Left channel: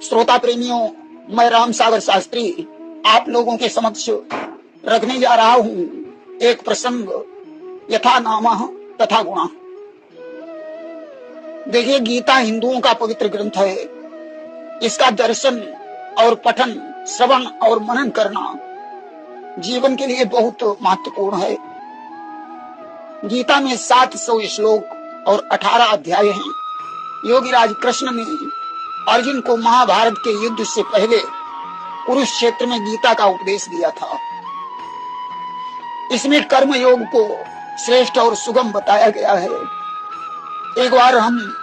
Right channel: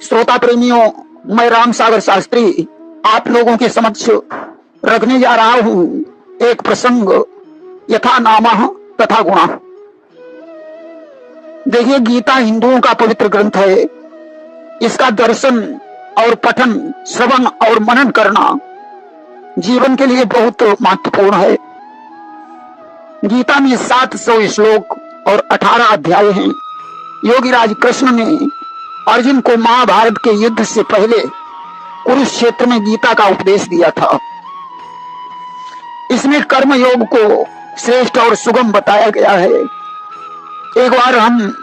श्रोता प्रेमियों, मैं राम सागर शास्त्री आप लोगों के समक्ष रखने जा रहा हूं एक प्रसंग, यथा नामः तथा गुणः। देखिए, गीता हिंदुओं का पवित्र ग्रंथ है। इसका दर्शन और पठन, श्रवण और मनन करना जीवन के लिए बहुत महत्वपूर्ण है। गीता में 700 श्लोक और 18 अध्याय हैं। योगीराज कृष्ण ने अर्जुन को महाभारत के युद्ध से पहले कुरुक्षेत्र में गीता का उपदेश दिया था। इसमें कर्म योग को श्रेष्ठ और सुगम बताया गया है। एक बार हम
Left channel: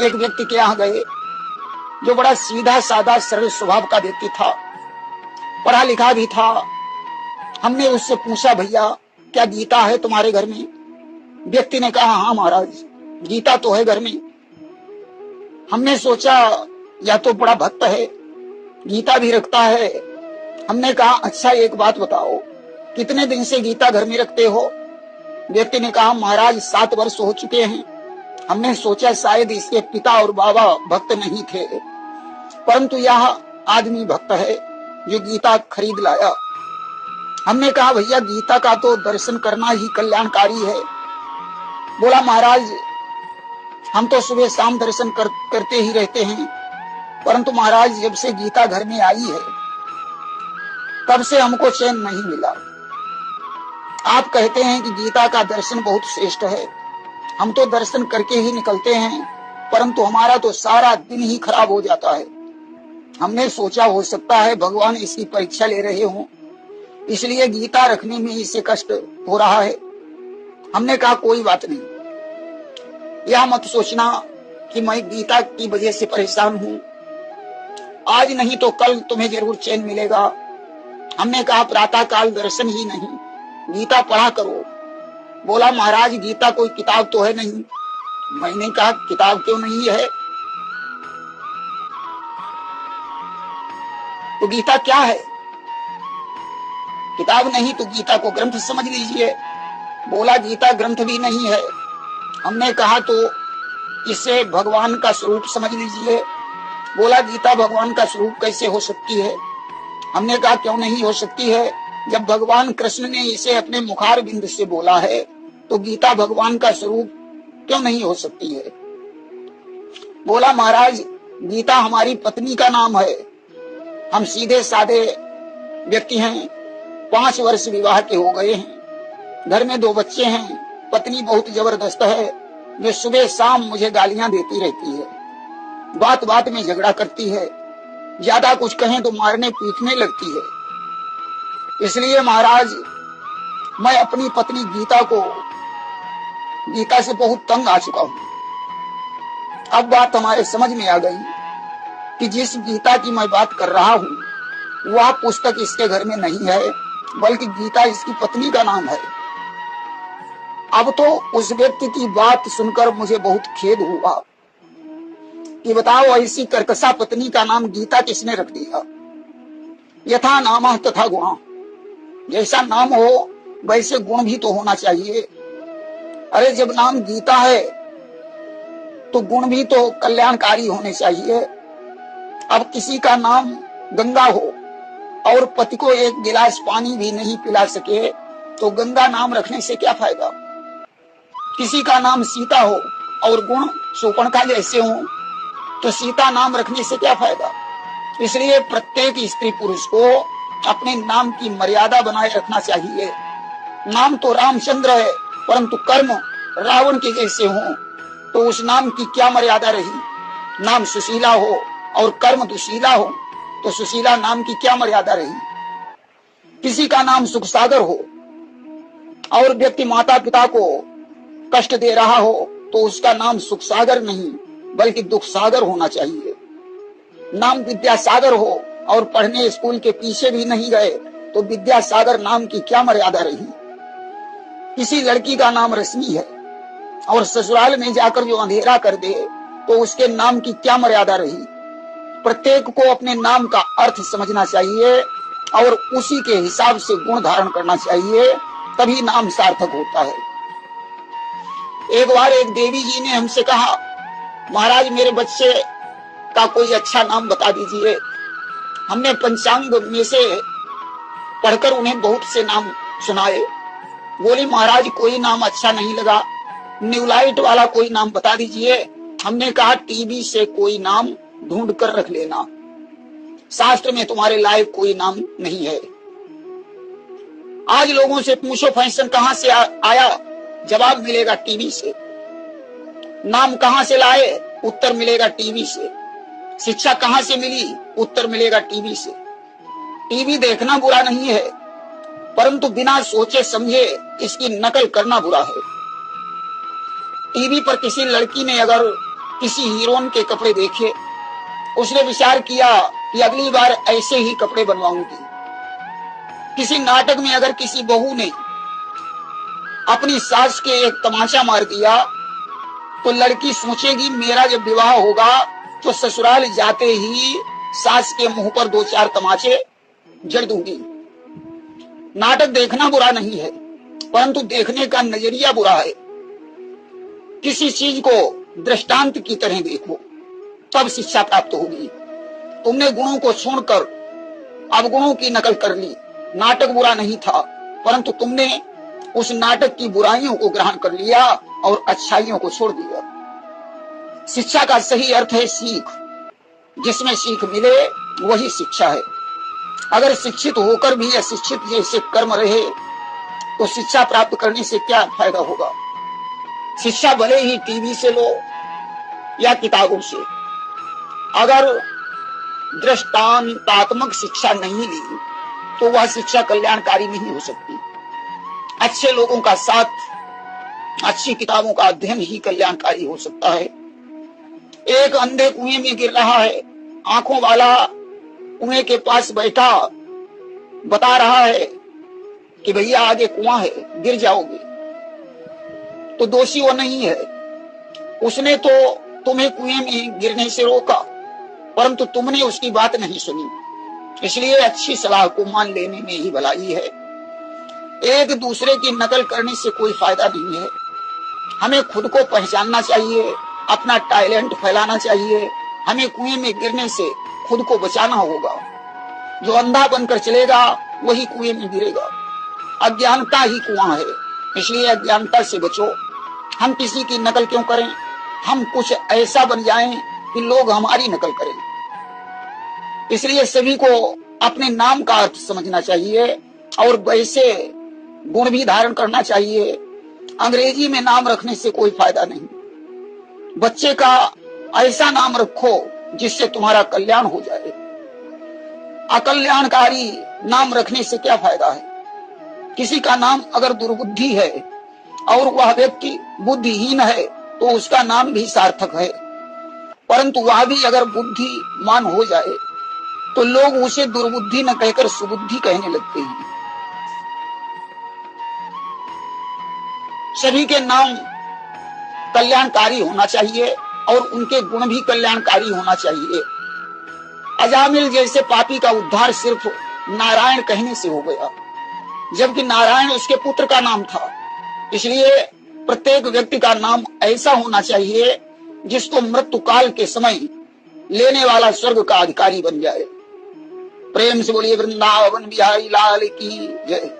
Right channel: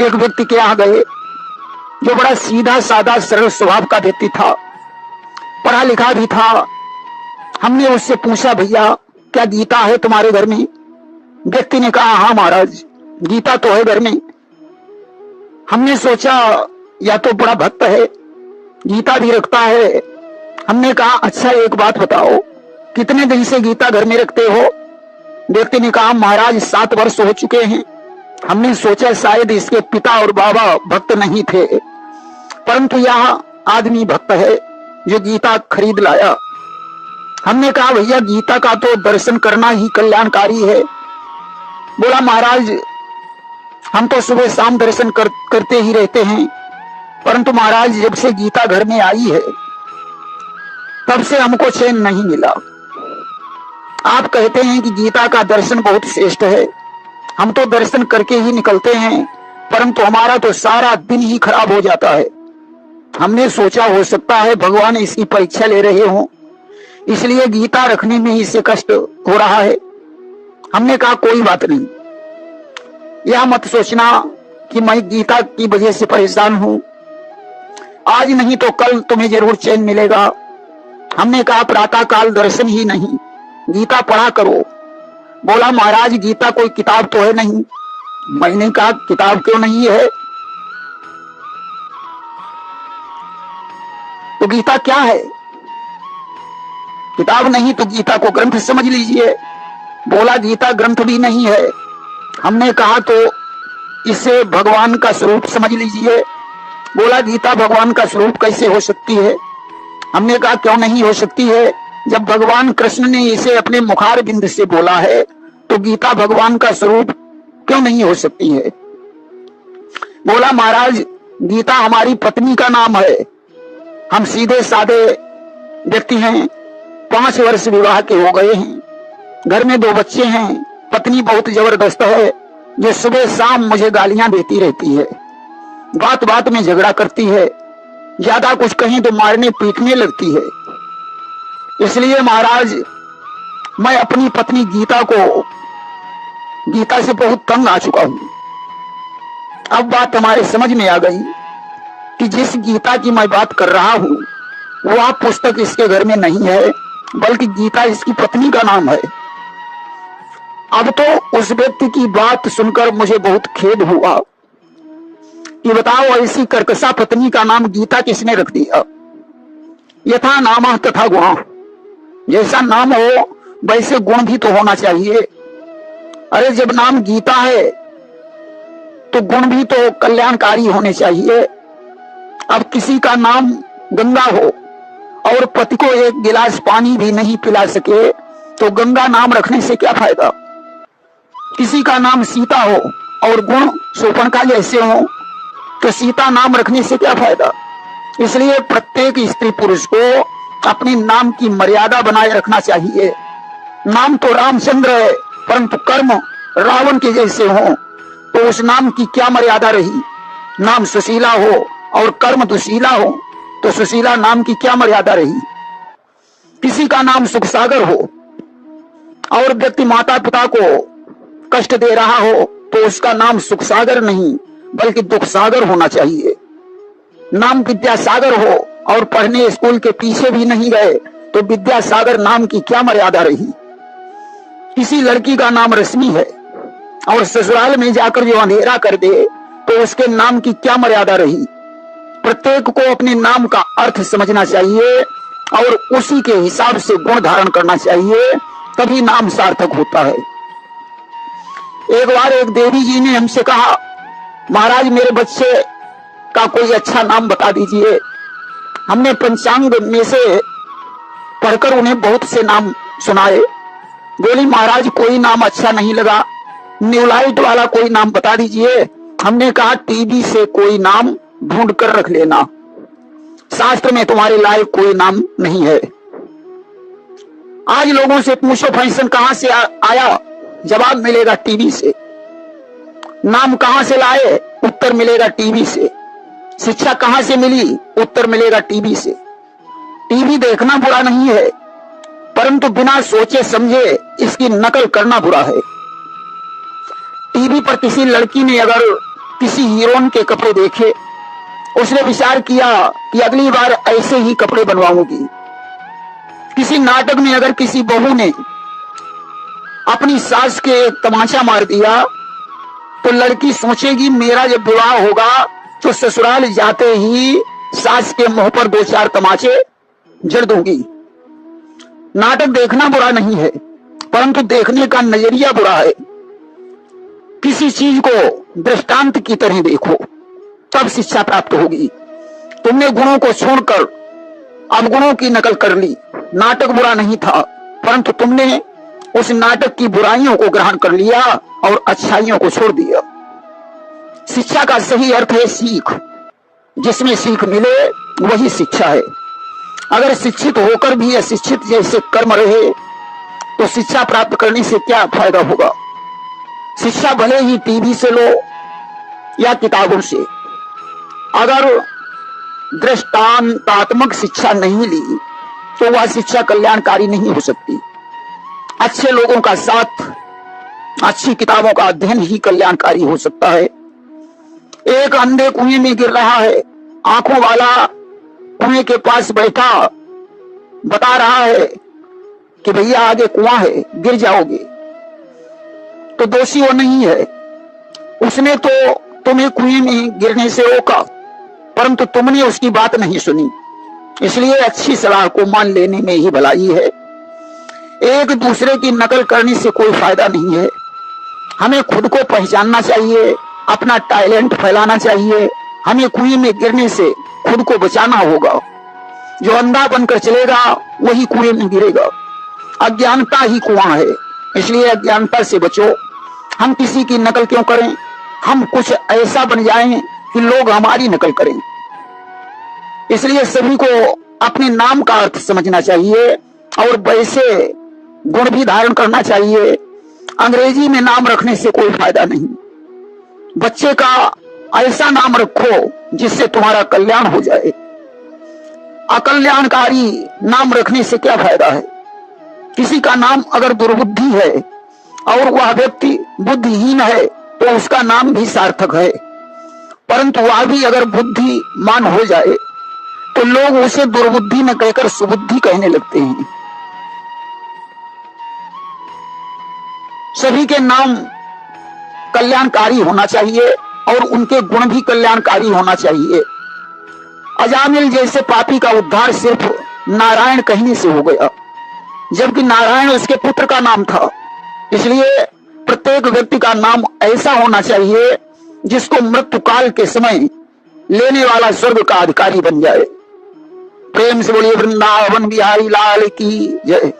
एक व्यक्ति के यहाँ गए जो बड़ा सीधा साधा सरल स्वभाव का व्यक्ति था, पढ़ा लिखा भी था। हमने उससे पूछा, भैया क्या गीता है तुम्हारे घर में? व्यक्ति ने कहा, हाँ महाराज, गीता तो है घर में। हमने सोचा या तो बड़ा भक्त है, गीता भी रखता है। हमने कहा, अच्छा एक बात बताओ, कितने दिन से गीता घर में रखते हो? व्यक्ति ने कहा, महाराज 7 वर्ष हो चुके हैं। हमने सोचा शायद इसके पिता और बाबा भक्त नहीं थे, परंतु यह आदमी भक्त है जो गीता खरीद लाया। हमने कहा, भैया गीता का तो दर्शन करना ही कल्याणकारी है। बोला, महाराज हम तो सुबह शाम दर्शन करते ही रहते हैं, परंतु महाराज जब से गीता घर में आई है तब से हमको चैन नहीं मिला। आप कहते हैं कि गीता का दर्शन बहुत श्रेष्ठ है, हम तो दर्शन करके ही निकलते हैं, परंतु हमारा तो सारा दिन ही खराब हो जाता है। हमने सोचा हो सकता है भगवान इसकी परीक्षा ले रहे हों, इसलिए गीता रखने में इसे कष्ट हो रहा है। हमने कहा, कोई बात नहीं, यह मत सोचना कि मैं गीता की वजह से परेशान हूं, आज नहीं तो कल तुम्हें जरूर चैन मिलेगा। हमने कहा, प्रातः काल दर्शन ही नहीं, गीता पढ़ा करो। बोला, महाराज गीता कोई किताब तो है नहीं। मैंने कहा, किताब क्यों नहीं है? तो गीता क्या है? किताब नहीं तो गीता को ग्रंथ समझ लीजिए। बोला, गीता ग्रंथ भी नहीं है। हमने कहा, तो इसे भगवान का स्वरूप समझ लीजिए। बोला, गीता भगवान का स्वरूप कैसे हो सकती है? हमने कहा, क्यों नहीं हो सकती है? जब भगवान कृष्ण ने इसे अपने मुखार बिंद से बोला है तो गीता भगवान का स्वरूप क्यों नहीं हो सकती है? बोला, महाराज गीता हमारी पत्नी का नाम है। हम सीधे साधे व्यक्ति हैं, 5 वर्ष विवाह के हो गए हैं, घर में 2 बच्चे हैं। पत्नी बहुत जबरदस्त है, ये सुबह शाम मुझे गालियां देती रहती है, बात बात में झगड़ा करती है, ज्यादा कुछ कहें तो मारने पीटने लगती है। इसलिए महाराज मैं अपनी पत्नी गीता से बहुत तंग आ चुका हूं। अब बात हमारे समझ में आ गई कि जिस गीता की मैं बात कर रहा हूं वह पुस्तक इसके घर में नहीं है, बल्कि गीता इसकी पत्नी का नाम है। अब तो उस व्यक्ति की बात सुनकर मुझे बहुत खेद हुआ कि बताओ, ऐसी कर्कशा पत्नी का नाम गीता किसने रख दिया? यथा नामः तथा गुणः, जैसा नाम हो वैसे गुण भी तो होना चाहिए। अरे जब नाम गीता है तो गुण भी तो कल्याणकारी होने चाहिए। अब किसी का नाम गंगा हो और पति को 1 गिलास पानी भी नहीं पिला सके तो गंगा नाम रखने से क्या फायदा? किसी का नाम सीता हो और गुण शूर्पणखा जैसे हो तो सीता नाम रखने से क्या फायदा? इसलिए प्रत्येक स्त्री पुरुष को अपने नाम की मर्यादा बनाए रखना चाहिए। नाम तो रामचंद्र है, परंतु कर्म रावण के जैसे हो तो उस नाम की क्या मर्यादा रही? नाम सुशीला हो और कर्म दुशीला हो तो सुशीला नाम की क्या मर्यादा रही? किसी का नाम सुख सागर हो और व्यक्ति माता पिता को कष्ट दे रहा हो तो उसका नाम सुख सागर नहीं बल्कि दुख सागर होना चाहिए। नाम विद्यासागर हो और पढ़ने स्कूल के पीछे भी नहीं गए तो विद्यासागर नाम की क्या मर्यादा रही? किसी लड़की का नाम रश्मि है और ससुराल में जाकर जो अंधेरा कर दे तो उसके नाम की क्या मर्यादा रही? प्रत्येक को अपने नाम का अर्थ समझना चाहिए और उसी के हिसाब से गुण धारण करना चाहिए, तभी नाम सार्थक होता है। एक बार एक देवी जी ने हमसे कहा, महाराज मेरे बच्चे का कोई अच्छा नाम बता दीजिए। हमने पंचांग में से पढ़कर उन्हें बहुत से नाम सुनाए। बोली महाराज कोई नाम अच्छा नहीं लगा, न्यूलाइट वाला कोई नाम बता दीजिए। हमने कहा टीबी से कोई नाम ढूंढ कर रख लेना, शास्त्र में तुम्हारे लायक कोई नाम नहीं है। आज लोगों से पूछो फैशन कहां से आया, जवाब मिलेगा टीवी से। नाम कहां से लाए, उत्तर मिलेगा टीवी से। शिक्षा कहां से मिली, उत्तर मिलेगा टीवी से। टीवी देखना बुरा नहीं है, परंतु बिना सोचे समझे इसकी नकल करना बुरा है। टीवी पर किसी लड़की ने अगर किसी हीरोइन के कपड़े देखे, उसने विचार किया कि अगली बार ऐसे ही कपड़े बनवाऊंगी। किसी नाटक में अगर किसी बहू ने अपनी सास के एक तमाचा मार दिया, तो लड़की सोचेगी मेरा जब विवाह होगा तो ससुराल जाते ही सास के मुंह पर 2-4 तमाचे जड़ दूंगी। नाटक देखना बुरा नहीं है, परंतु देखने का नजरिया बुरा है। किसी चीज को दृष्टांत की तरह देखो, तब शिक्षा प्राप्त होगी। तुमने गुणों को छोड़कर अवगुणों की नकल कर ली। नाटक बुरा नहीं था, परंतु तुमने उस नाटक की बुराइयों को ग्रहण कर लिया और अच्छाइयों को छोड़ दिया। शिक्षा का सही अर्थ है सीख। जिसमें सीख मिले वही शिक्षा है। अगर शिक्षित होकर भी अशिक्षित जैसे कर्म रहे तो शिक्षा प्राप्त करने से क्या फायदा होगा। शिक्षा भले ही टीवी से लो या किताबों से, अगर दृष्टांतात्मक शिक्षा नहीं ली तो वह शिक्षा कल्याणकारी नहीं हो सकती। अच्छे लोगों का साथ, अच्छी किताबों का अध्ययन ही कल्याणकारी हो सकता है। एक अंधे कुएं में गिर रहा है, आंखों वाला कुएं के पास बैठा बता रहा है कि भैया आगे कुआं है, गिर जाओगे, तो दोषी वो नहीं है। उसने तो तुम्हें कुएं में गिरने से रोका, परंतु तुमने उसकी बात नहीं सुनी। इसलिए अच्छी सलाह को मान लेने में ही भलाई है। एक दूसरे की नकल करने से कोई फायदा नहीं है। हमें खुद को पहचानना चाहिए, अपना टैलेंट फैलाना चाहिए। हमें कुएं में गिरने से खुद को बचाना होगा। जो अंधा बनकर चलेगा वही कुएं में गिरेगा। अज्ञानता ही कुआं है, इसलिए अज्ञानता से बचो। हम किसी की नकल क्यों करें, हम कुछ ऐसा बन जाएं कि लोग हमारी नकल करें। इसलिए सभी को अपने नाम का अर्थ समझना चाहिए और वैसे गुण भी धारण करना चाहिए। अंग्रेजी में नाम रखने से कोई फायदा नहीं। बच्चे का ऐसा नाम रखो जिससे तुम्हारा कल्याण हो जाए। अकल्याणकारी नाम रखने से क्या फायदा है। किसी का नाम अगर दुर्बुद्धि है और वह व्यक्ति बुद्धिहीन है तो उसका नाम भी सार्थक है, परंतु वह भी अगर बुद्धिमान हो जाए तो लोग उसे दुर्बुद्धि न कहकर सुबुद्धि कहने लगते हैं। सभी के नाम कल्याणकारी होना चाहिए और उनके गुण भी कल्याणकारी होना चाहिए। अजामिल जैसे पापी का उद्धार सिर्फ नारायण कहने से हो गया, जबकि नारायण उसके पुत्र का नाम था। इसलिए प्रत्येक व्यक्ति का नाम ऐसा होना चाहिए जिसको मृत्यु काल के समय लेने वाला स्वर्ग का अधिकारी बन जाए। प्रेम से बोलिए वृंदावन बिहारी लाल की जय।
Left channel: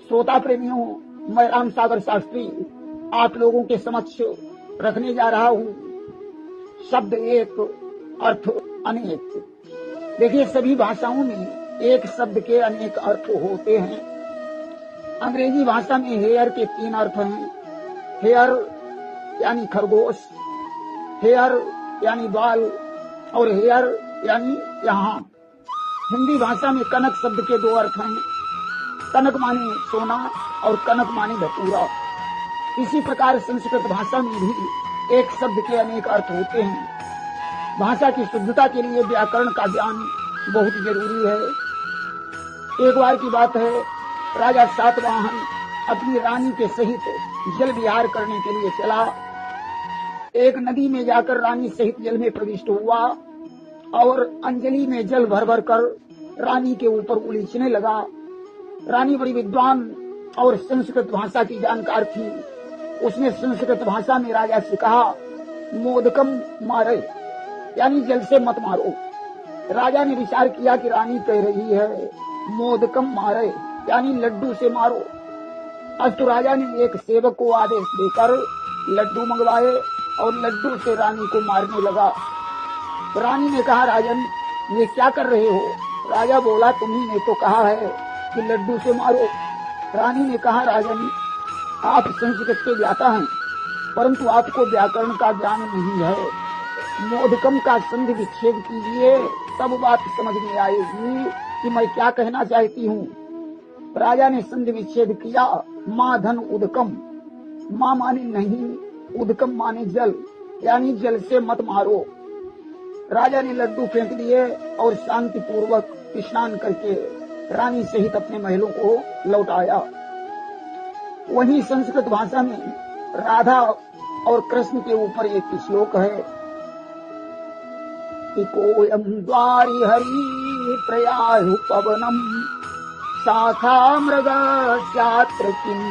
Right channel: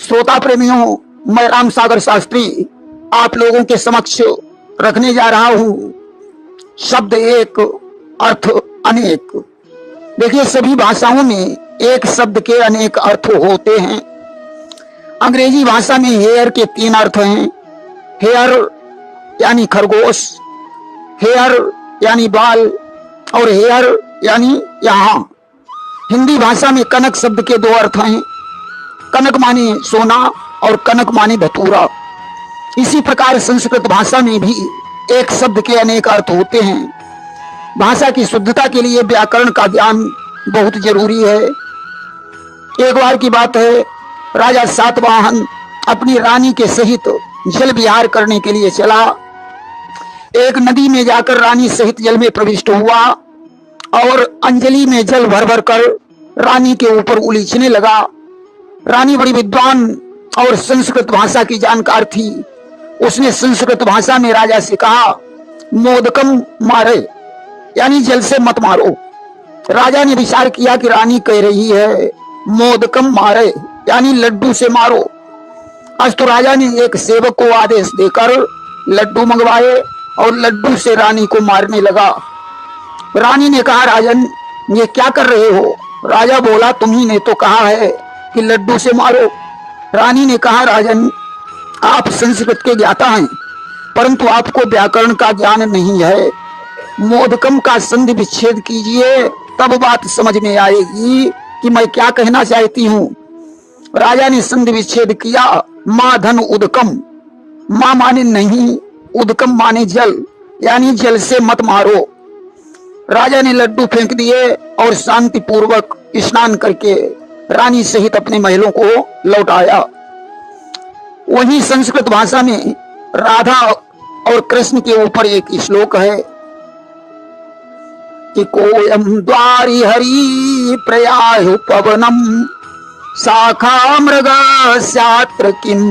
श्रोता प्रेमियों, मैं राम सागर शास्त्री आप लोगों के समक्ष रखने जा रहा हूं शब्द एक अर्थ अनेक। देखिए, सभी भाषाओं में एक शब्द के अनेक अर्थ होते हैं। अंग्रेजी भाषा में हेयर के 3 अर्थ हैं। हेयर यानी खरगोश, हेयर यानी बाल और हेयर यानी यहाँ। हिंदी भाषा में कनक शब्द के 2 अर्थ हैं। कनक माने सोना और कनक माने धतूरा। इसी प्रकार संस्कृत भाषा में भी एक शब्द के अनेक अर्थ होते हैं। भाषा की शुद्धता के लिए व्याकरण का ज्ञान बहुत जरूरी है। एक बार की बात है, राजा सातवाहन अपनी रानी के सहित जल विहार करने के लिए चला। एक नदी में जाकर रानी सहित जल में प्रविष्ट हुआ और अंजलि में जल भर भर कर रानी के ऊपर उलीचने लगा। रानी बड़ी विद्वान और संस्कृत भाषा की जानकार थी। उसने संस्कृत भाषा में राजा से कहा मोदकम मारे, यानी जल से मत मारो। राजा ने विचार किया कि रानी कह रही है मोदकम मारे, यानी लड्डू से मारो। आज तो राजा ने एक सेवक को आदेश देकर लड्डू मंगवाए और लड्डू से रानी को मारने लगा। रानी ने कहा, राजन ये क्या कर रहे हो? राजा बोला, तुम्ही ने तो कहा है कि लड्डू से मारो। रानी ने कहा, राजन आप संस्कृत के ज्ञाता हैं, परंतु आपको व्याकरण का ज्ञान नहीं है। मोदकम का संधि विच्छेद कीजिए, तब बात समझ में आएगी कि मैं क्या कहना चाहती हूँ। राजा ने संधि विच्छेद किया। माँ धन उदकम, माँ माने नहीं, उदकम माने जल, यानी जल से मत मारो। राजा ने लड्डू फेंक दिए और शांति पूर्वक स्नान करके रानी सहित अपने महलों को लौट आया। वहीं संस्कृत भाषा में राधा और कृष्ण के ऊपर एक श्लोक है कि कोयम द्वारि हरि प्रयाहु पवनम शाखा मृगस्यात्र किम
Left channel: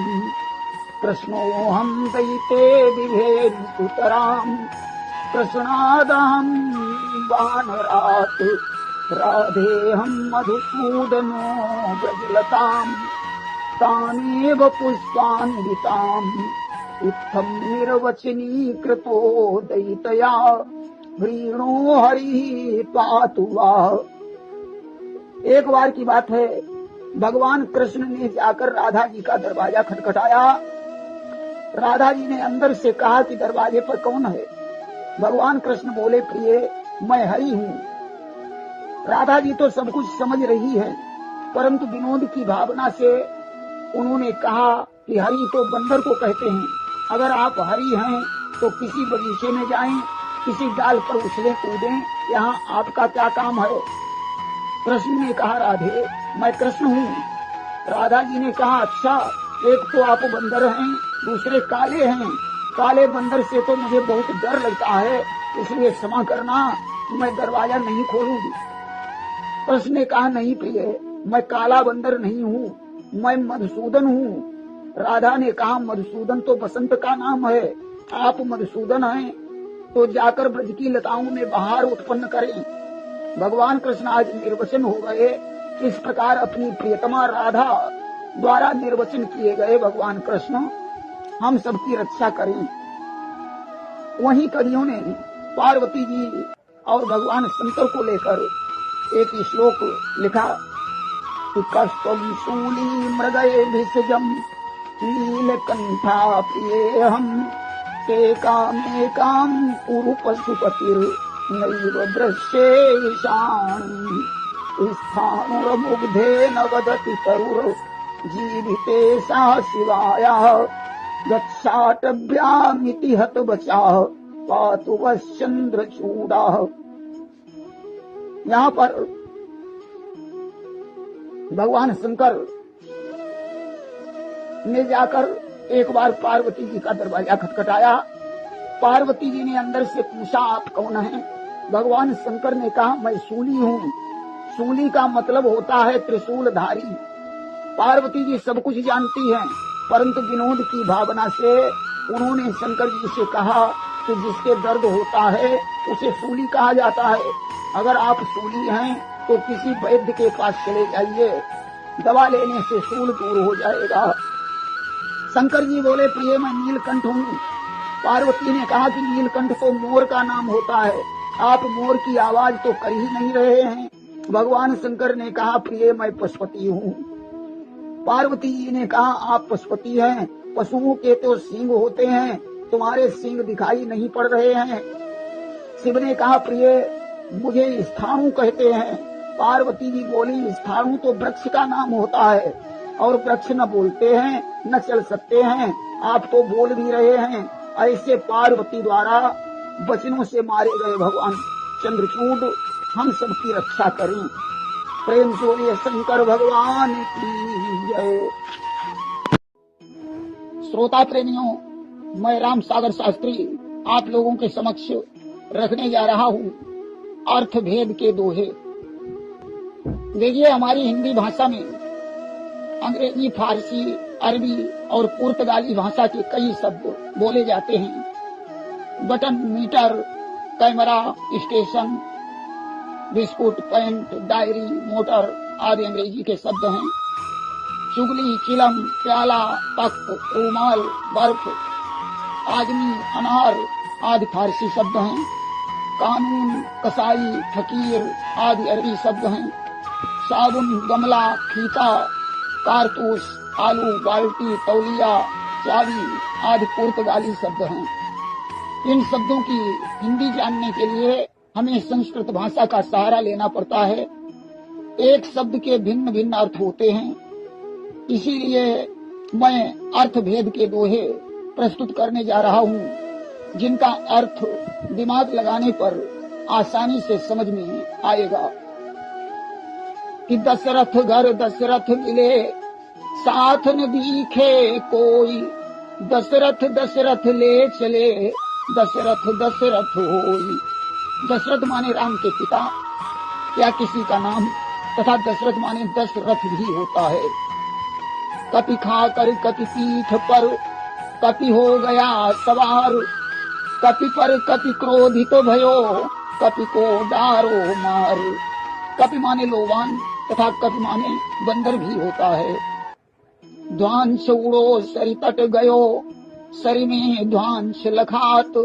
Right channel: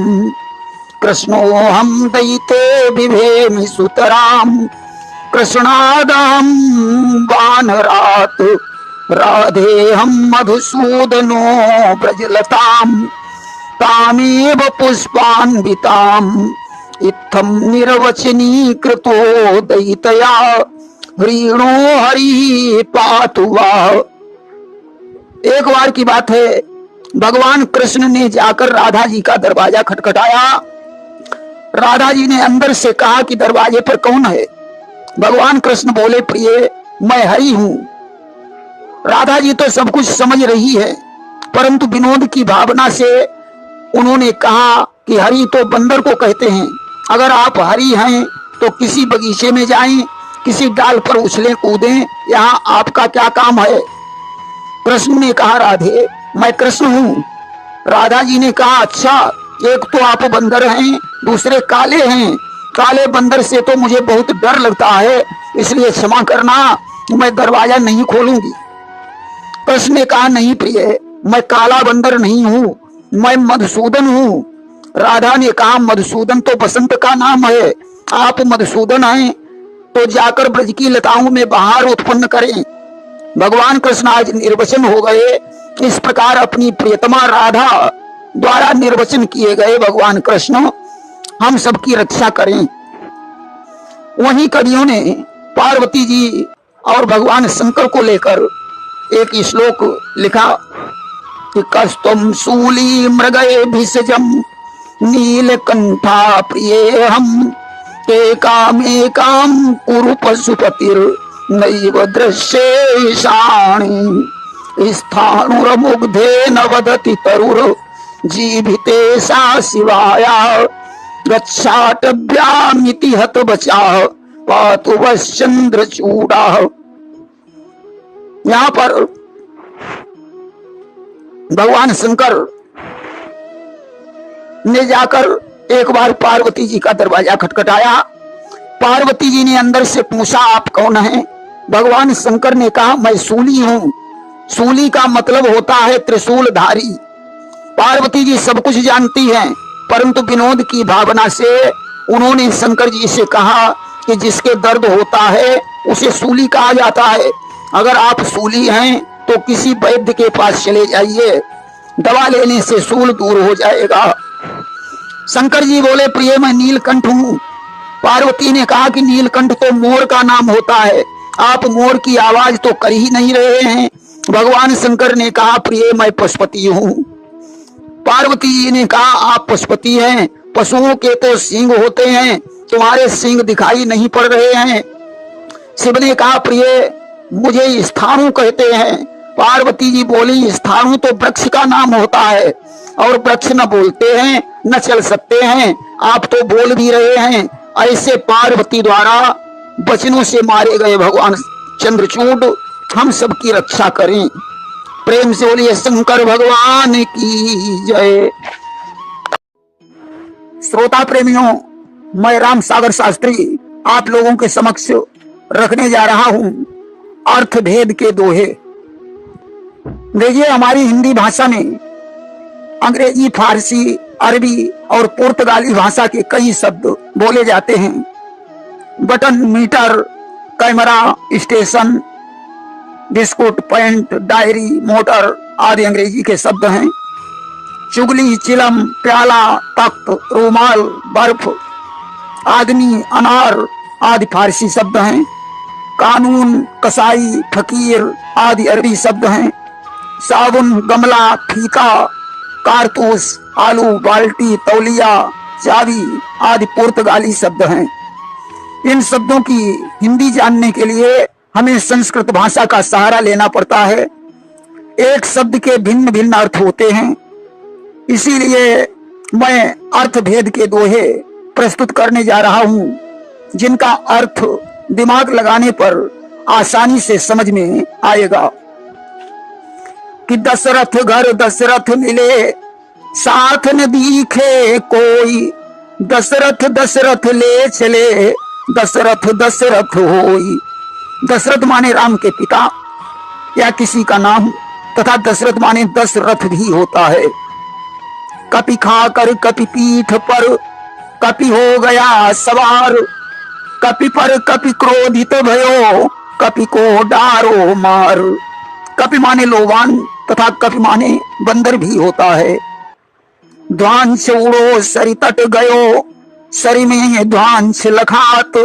कृष्णोहम दयिते बिभेमि सुतराम कृष्णादहम वानरात् राधेहम मधुसूदनो ब्रजलताम तामेव पुष्पान्विताम इत्थम निर्वचनी कृतो दयितया ह्रीणो हरि पातु वाह। एक बार की बात है, भगवान कृष्ण ने जाकर राधा जी का दरवाजा खटखटाया। राधा जी ने अंदर से कहा कि दरवाजे पर कौन है? भगवान कृष्ण बोले, प्रिय मैं हरि हूं। राधा जी तो सब कुछ समझ रही है, परंतु विनोद की भावना से उन्होंने कहा कि हरि तो बंदर को कहते हैं, अगर आप हरि हैं तो किसी बगीचे में जाएं, किसी डाल पर उछले कूदें, यहाँ आपका क्या काम है? कृष्ण ने कहा, राधे मैं कृष्ण हूँ। राधा जी ने कहा, अच्छा, एक तो आप बंदर हैं, दूसरे काले हैं। काले बंदर से तो मुझे बहुत डर लगता है, इसलिए क्षमा करना, मैं दरवाजा नहीं खोलूंगी। कृष्ण ने कहा, नहीं प्रिय, मैं काला बंदर नहीं हूँ, मैं मधुसूदन हूँ। राधा ने कहा, मधुसूदन तो बसंत का नाम है, आप मधुसूदन हैं तो जाकर ब्रज की लताओं में बहार उत्पन्न करें। भगवान कृष्ण आज निर्वचन हो गए। इस प्रकार अपनी प्रियतमा राधा द्वारा निर्वचन किए गए भगवान कृष्ण हम सबकी रक्षा करें। वहीं कवियों ने पार्वती जी और भगवान शंकर को लेकर एक श्लोक लिखा कि कस्तुम शूली मृगये भिषजम नीलकंठा प्रिये हम एकामेकाम कुरु पशुपतिर नैव दृश्येषाणि स्थाणुरमुग्धे न वदति तरुर जीविते सा शिवाया गच्छाटभ्यामिति हत बचाः पातु वश्चंद्रचूडाः। यहाँ पर भगवान शंकर ने जाकर एक बार पार्वती जी का दरवाजा खटखटाया। पार्वती जी ने अंदर से पूछा, आप कौन हैं? भगवान शंकर ने कहा, मैं सूली हूँ। सूली का मतलब होता है त्रिशूलधारी। पार्वती जी सब कुछ जानती हैं, परंतु विनोद की भावना से उन्होंने शंकर जी से कहा कि जिसके दर्द होता है उसे सूली कहा जाता है। अगर आप सूली हैं तो किसी वैद्य के पास चले जाइए, दवा लेने से सूल दूर हो जाएगा। शंकर जी बोले, प्रिय मैं नीलकंठ हूँ। पार्वती ने कहा कि नीलकंठ तो मोर का नाम होता है, आप मोर की आवाज तो कर ही नहीं रहे हैं। भगवान शंकर ने कहा, प्रिय मैं पशुपति हूँ। पार्वती जी ने कहा, आप पशुपति हैं, पशुओं के तो सींग होते हैं, तुम्हारे सींग दिखाई नहीं पड़ रहे हैं। शिव ने कहा, प्रिय मुझे स्थाणु कहते हैं। पार्वती जी बोली, स्थाणु तो वृक्ष का नाम होता है और वृक्ष न बोलते हैं न चल सकते हैं, आप तो बोल भी रहे हैं। ऐसे पार्वती द्वारा वचनों से मारे गए भगवान चंद्रचूड हम सबकी रक्षा करें। प्रेम से बोलिए शंकर भगवान की जय। श्रोता प्रेमियों, मैं राम सागर शास्त्री आप लोगों के समक्ष रखने जा रहा हूं अर्थ भेद के दोहे। देखिए, हमारी हिंदी भाषा में अंग्रेजी, फारसी, अरबी और पुर्तगाली भाषा के कई शब्द बोले जाते हैं। Button, meter, camera, station, biscuit, pant, diary, motor आदि अंग्रेजी के शब्द हैं। चुगली, चिलम, प्याला, तख्त, रूमाल, बर्फ, आदमी, अनार आदि फारसी शब्द हैं। कानून, कसाई, फकीर आदि अरबी शब्द हैं। साबुन, गमला, फीका, कारतूस, आलू, बाल्टी, तौलिया, चाबी आदि पुर्तगाली शब्द हैं। इन शब्दों की हिंदी जानने के लिए हमें संस्कृत भाषा का सहारा लेना पड़ता है। एक शब्द के भिन्न भिन्न अर्थ होते हैं, इसीलिए मैं अर्थ भेद के दोहे प्रस्तुत करने जा रहा हूं, जिनका अर्थ दिमाग लगाने पर आसानी से समझ में आएगा। कि दशरथ घर दशरथ मिले, साथ न दिखे कोई, दशरथ दशरथ ले चले, दशरथ दशरथ होई। दशरथ माने राम के पिता या किसी का नाम, तथा दशरथ माने दशरथ भी होता है। कपि खाकर कपि पीठ पर, कपि हो गया सवार, कपि पर कपि क्रोधित भयो, कपि को डारो मार। कपि माने लोवान तथा कपि माने बंदर भी होता है। ध्वांस उड़ो सरि तट गयो, सरि में ध्वांस लखात,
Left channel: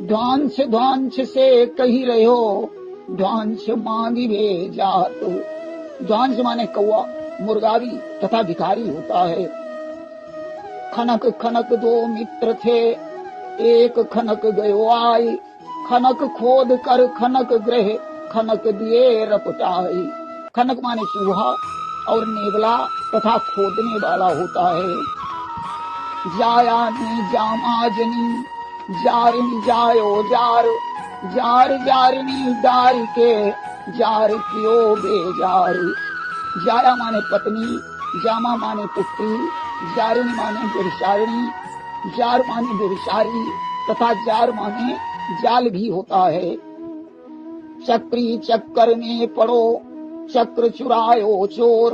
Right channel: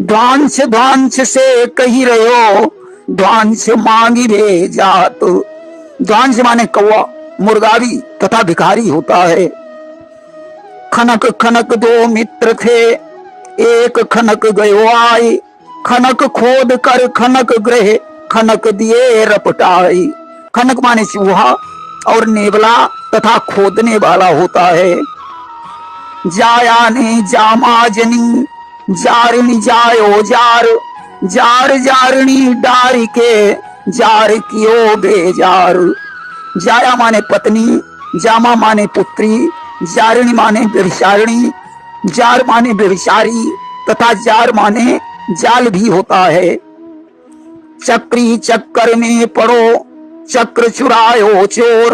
ध्वांस ध्वांस से कही रहो, ध्वांस मांगी भेजात। ध्वांस माने कौवा, मुर्गावी तथा भिखारी होता है। खनक खनक दो मित्र थे, एक खनक गयो आए, खनक खोद कर खनक ग्रह, खनक दिए रपटाई। खनक माने चूहा और नेवला तथा खोदने वाला होता है। जाया ने जामा जनी, जारनी जायो जार, जार जारनी डार के, जार कियो बेजार। जाया माने पत्नी, जामा माने पुत्री, जारणी माने व्यभिचारिणी, जार माने व्यभिचारी तथा जार माने जाल भी होता है। चक्री चक्कर में पड़ो, चक्र चुरायो चोर,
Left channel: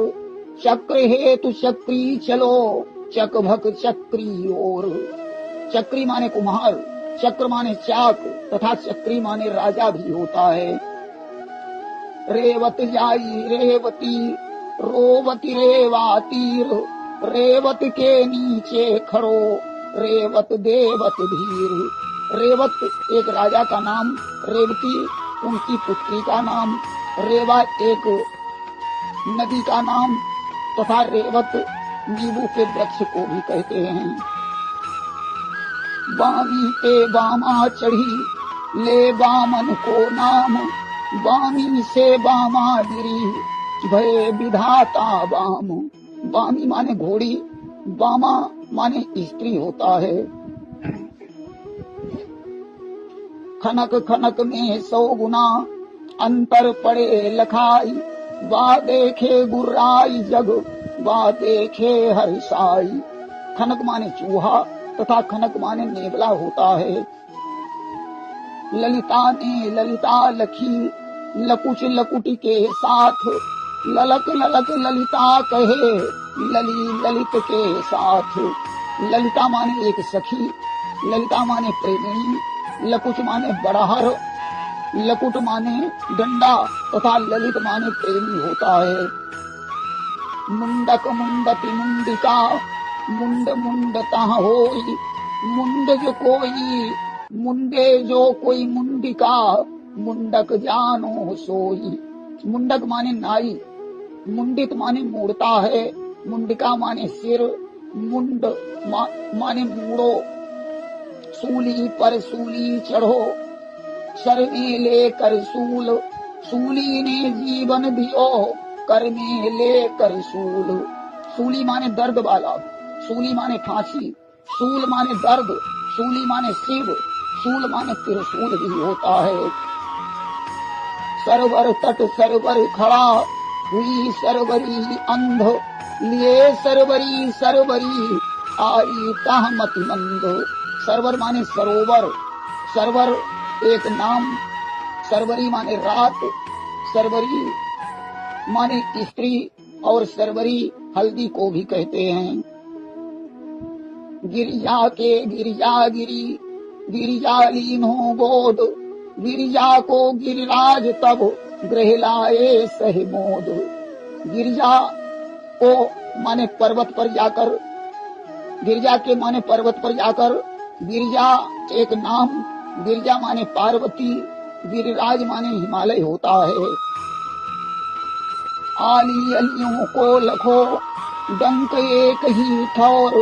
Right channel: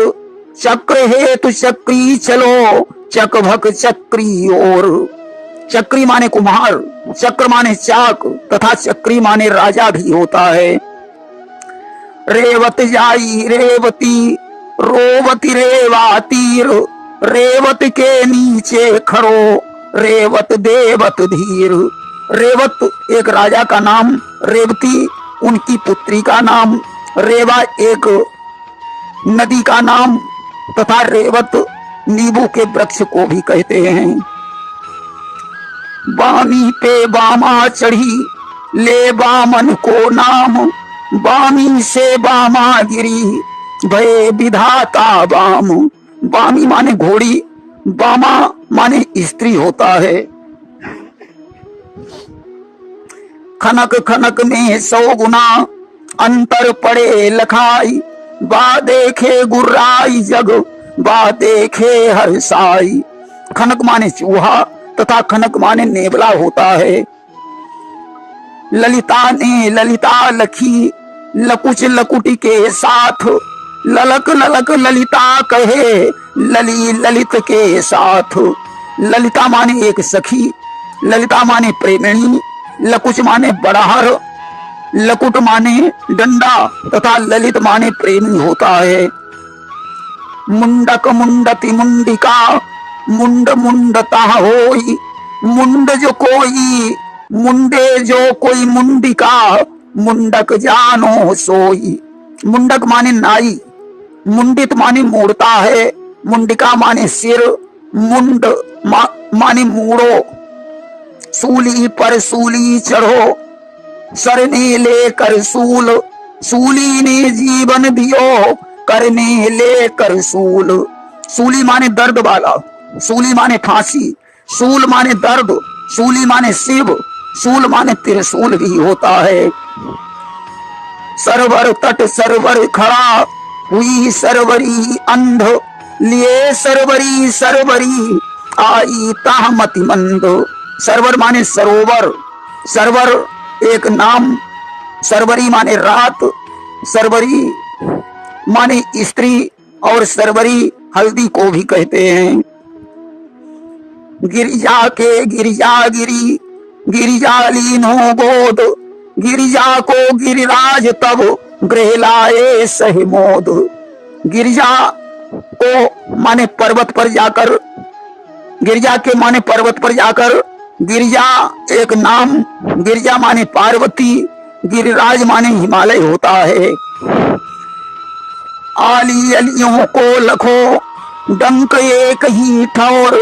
चक्र हेतु चक्री चलो, चक भक चक्री ओर। चक्री माने कुम्हार, चक्र माने चाक तथा चक्री माने राजा भी होता है। रेवत जाई रेवती, रोवती रेवातीर, रेवत के नीचे खड़ो, रेवत देवत धीर। रेवत एक राजा का नाम, रेवती उनकी पुत्री का नाम, रेवा एक नदी का नाम तथा रेवत नींबू के वृक्ष को भी कहते हैं। बामी पे बामा चढ़ी, ले बामन को नाम, बामी से बामा गिरी, भय विधाता बाम। बामी माने घोड़ी, बामा माने स्त्री होता है। खनक खनक में 100 गुना, अंतर पड़े लखाई, बा देखे गुर्राई जग, बा देखे हर्षाई। खनक माने चूहा तथा खनक माने नेवला होता है। ललिता ने ललिता लखी, लकुच लकुटी के साथ, ललक ललक ललिता कहे, लली ललित के साथ। ललिता माने एक सखी, ललिता माने प्रेमिणी, लकुच माने बड़हर, लकुट माने डंडा तथा ललित माने प्रेमी होता है। मुंडक मुंडति मुंडिका, मुंड मुंडता होई, मुंड जो कोई, मुंडे जो कोई मुंडिका, मुंडक जानो सोई। मुंडक माने नाई, मुंडित माने मोड़ता है, मुंडिका माने सिर, मुंड माने मूड़ो। सूली पर सूली चढ़ो, सरने लेकर सूल, सूली ने जीवन दियो, करने लेकर सूल। सूली माने दर्द वाला, सूली माने फांसी, सूल माने दर्द, सूली माने शिव, सूल माने त्रिशूल भी होता है। सरवर तट सरवर खड़ा, हुई सरवरी अंध, लिए सरवरी सरवरी, आई ताह मति मंद। सरवर माने सरोवर, सरवर एक नाम, सरवरी माने रात, सरवरी माने स्त्री और सरवरी हल्दी को भी कहते हैं। गिरिजा के गिरिजा गिरी, गिरिजा लीनो गोद, गिरिजा को गिरिराज तब गृह लाए सही मोद। गिरिजा को माने पर्वत पर जाकर, गिरिजा के माने पर्वत पर जाकर, गिरिजा एक नाम, गिरिजा माने पार्वती, गिरिराज माने हिमालय होता है। आली अलियों को लखो डंक एक ही ठौर,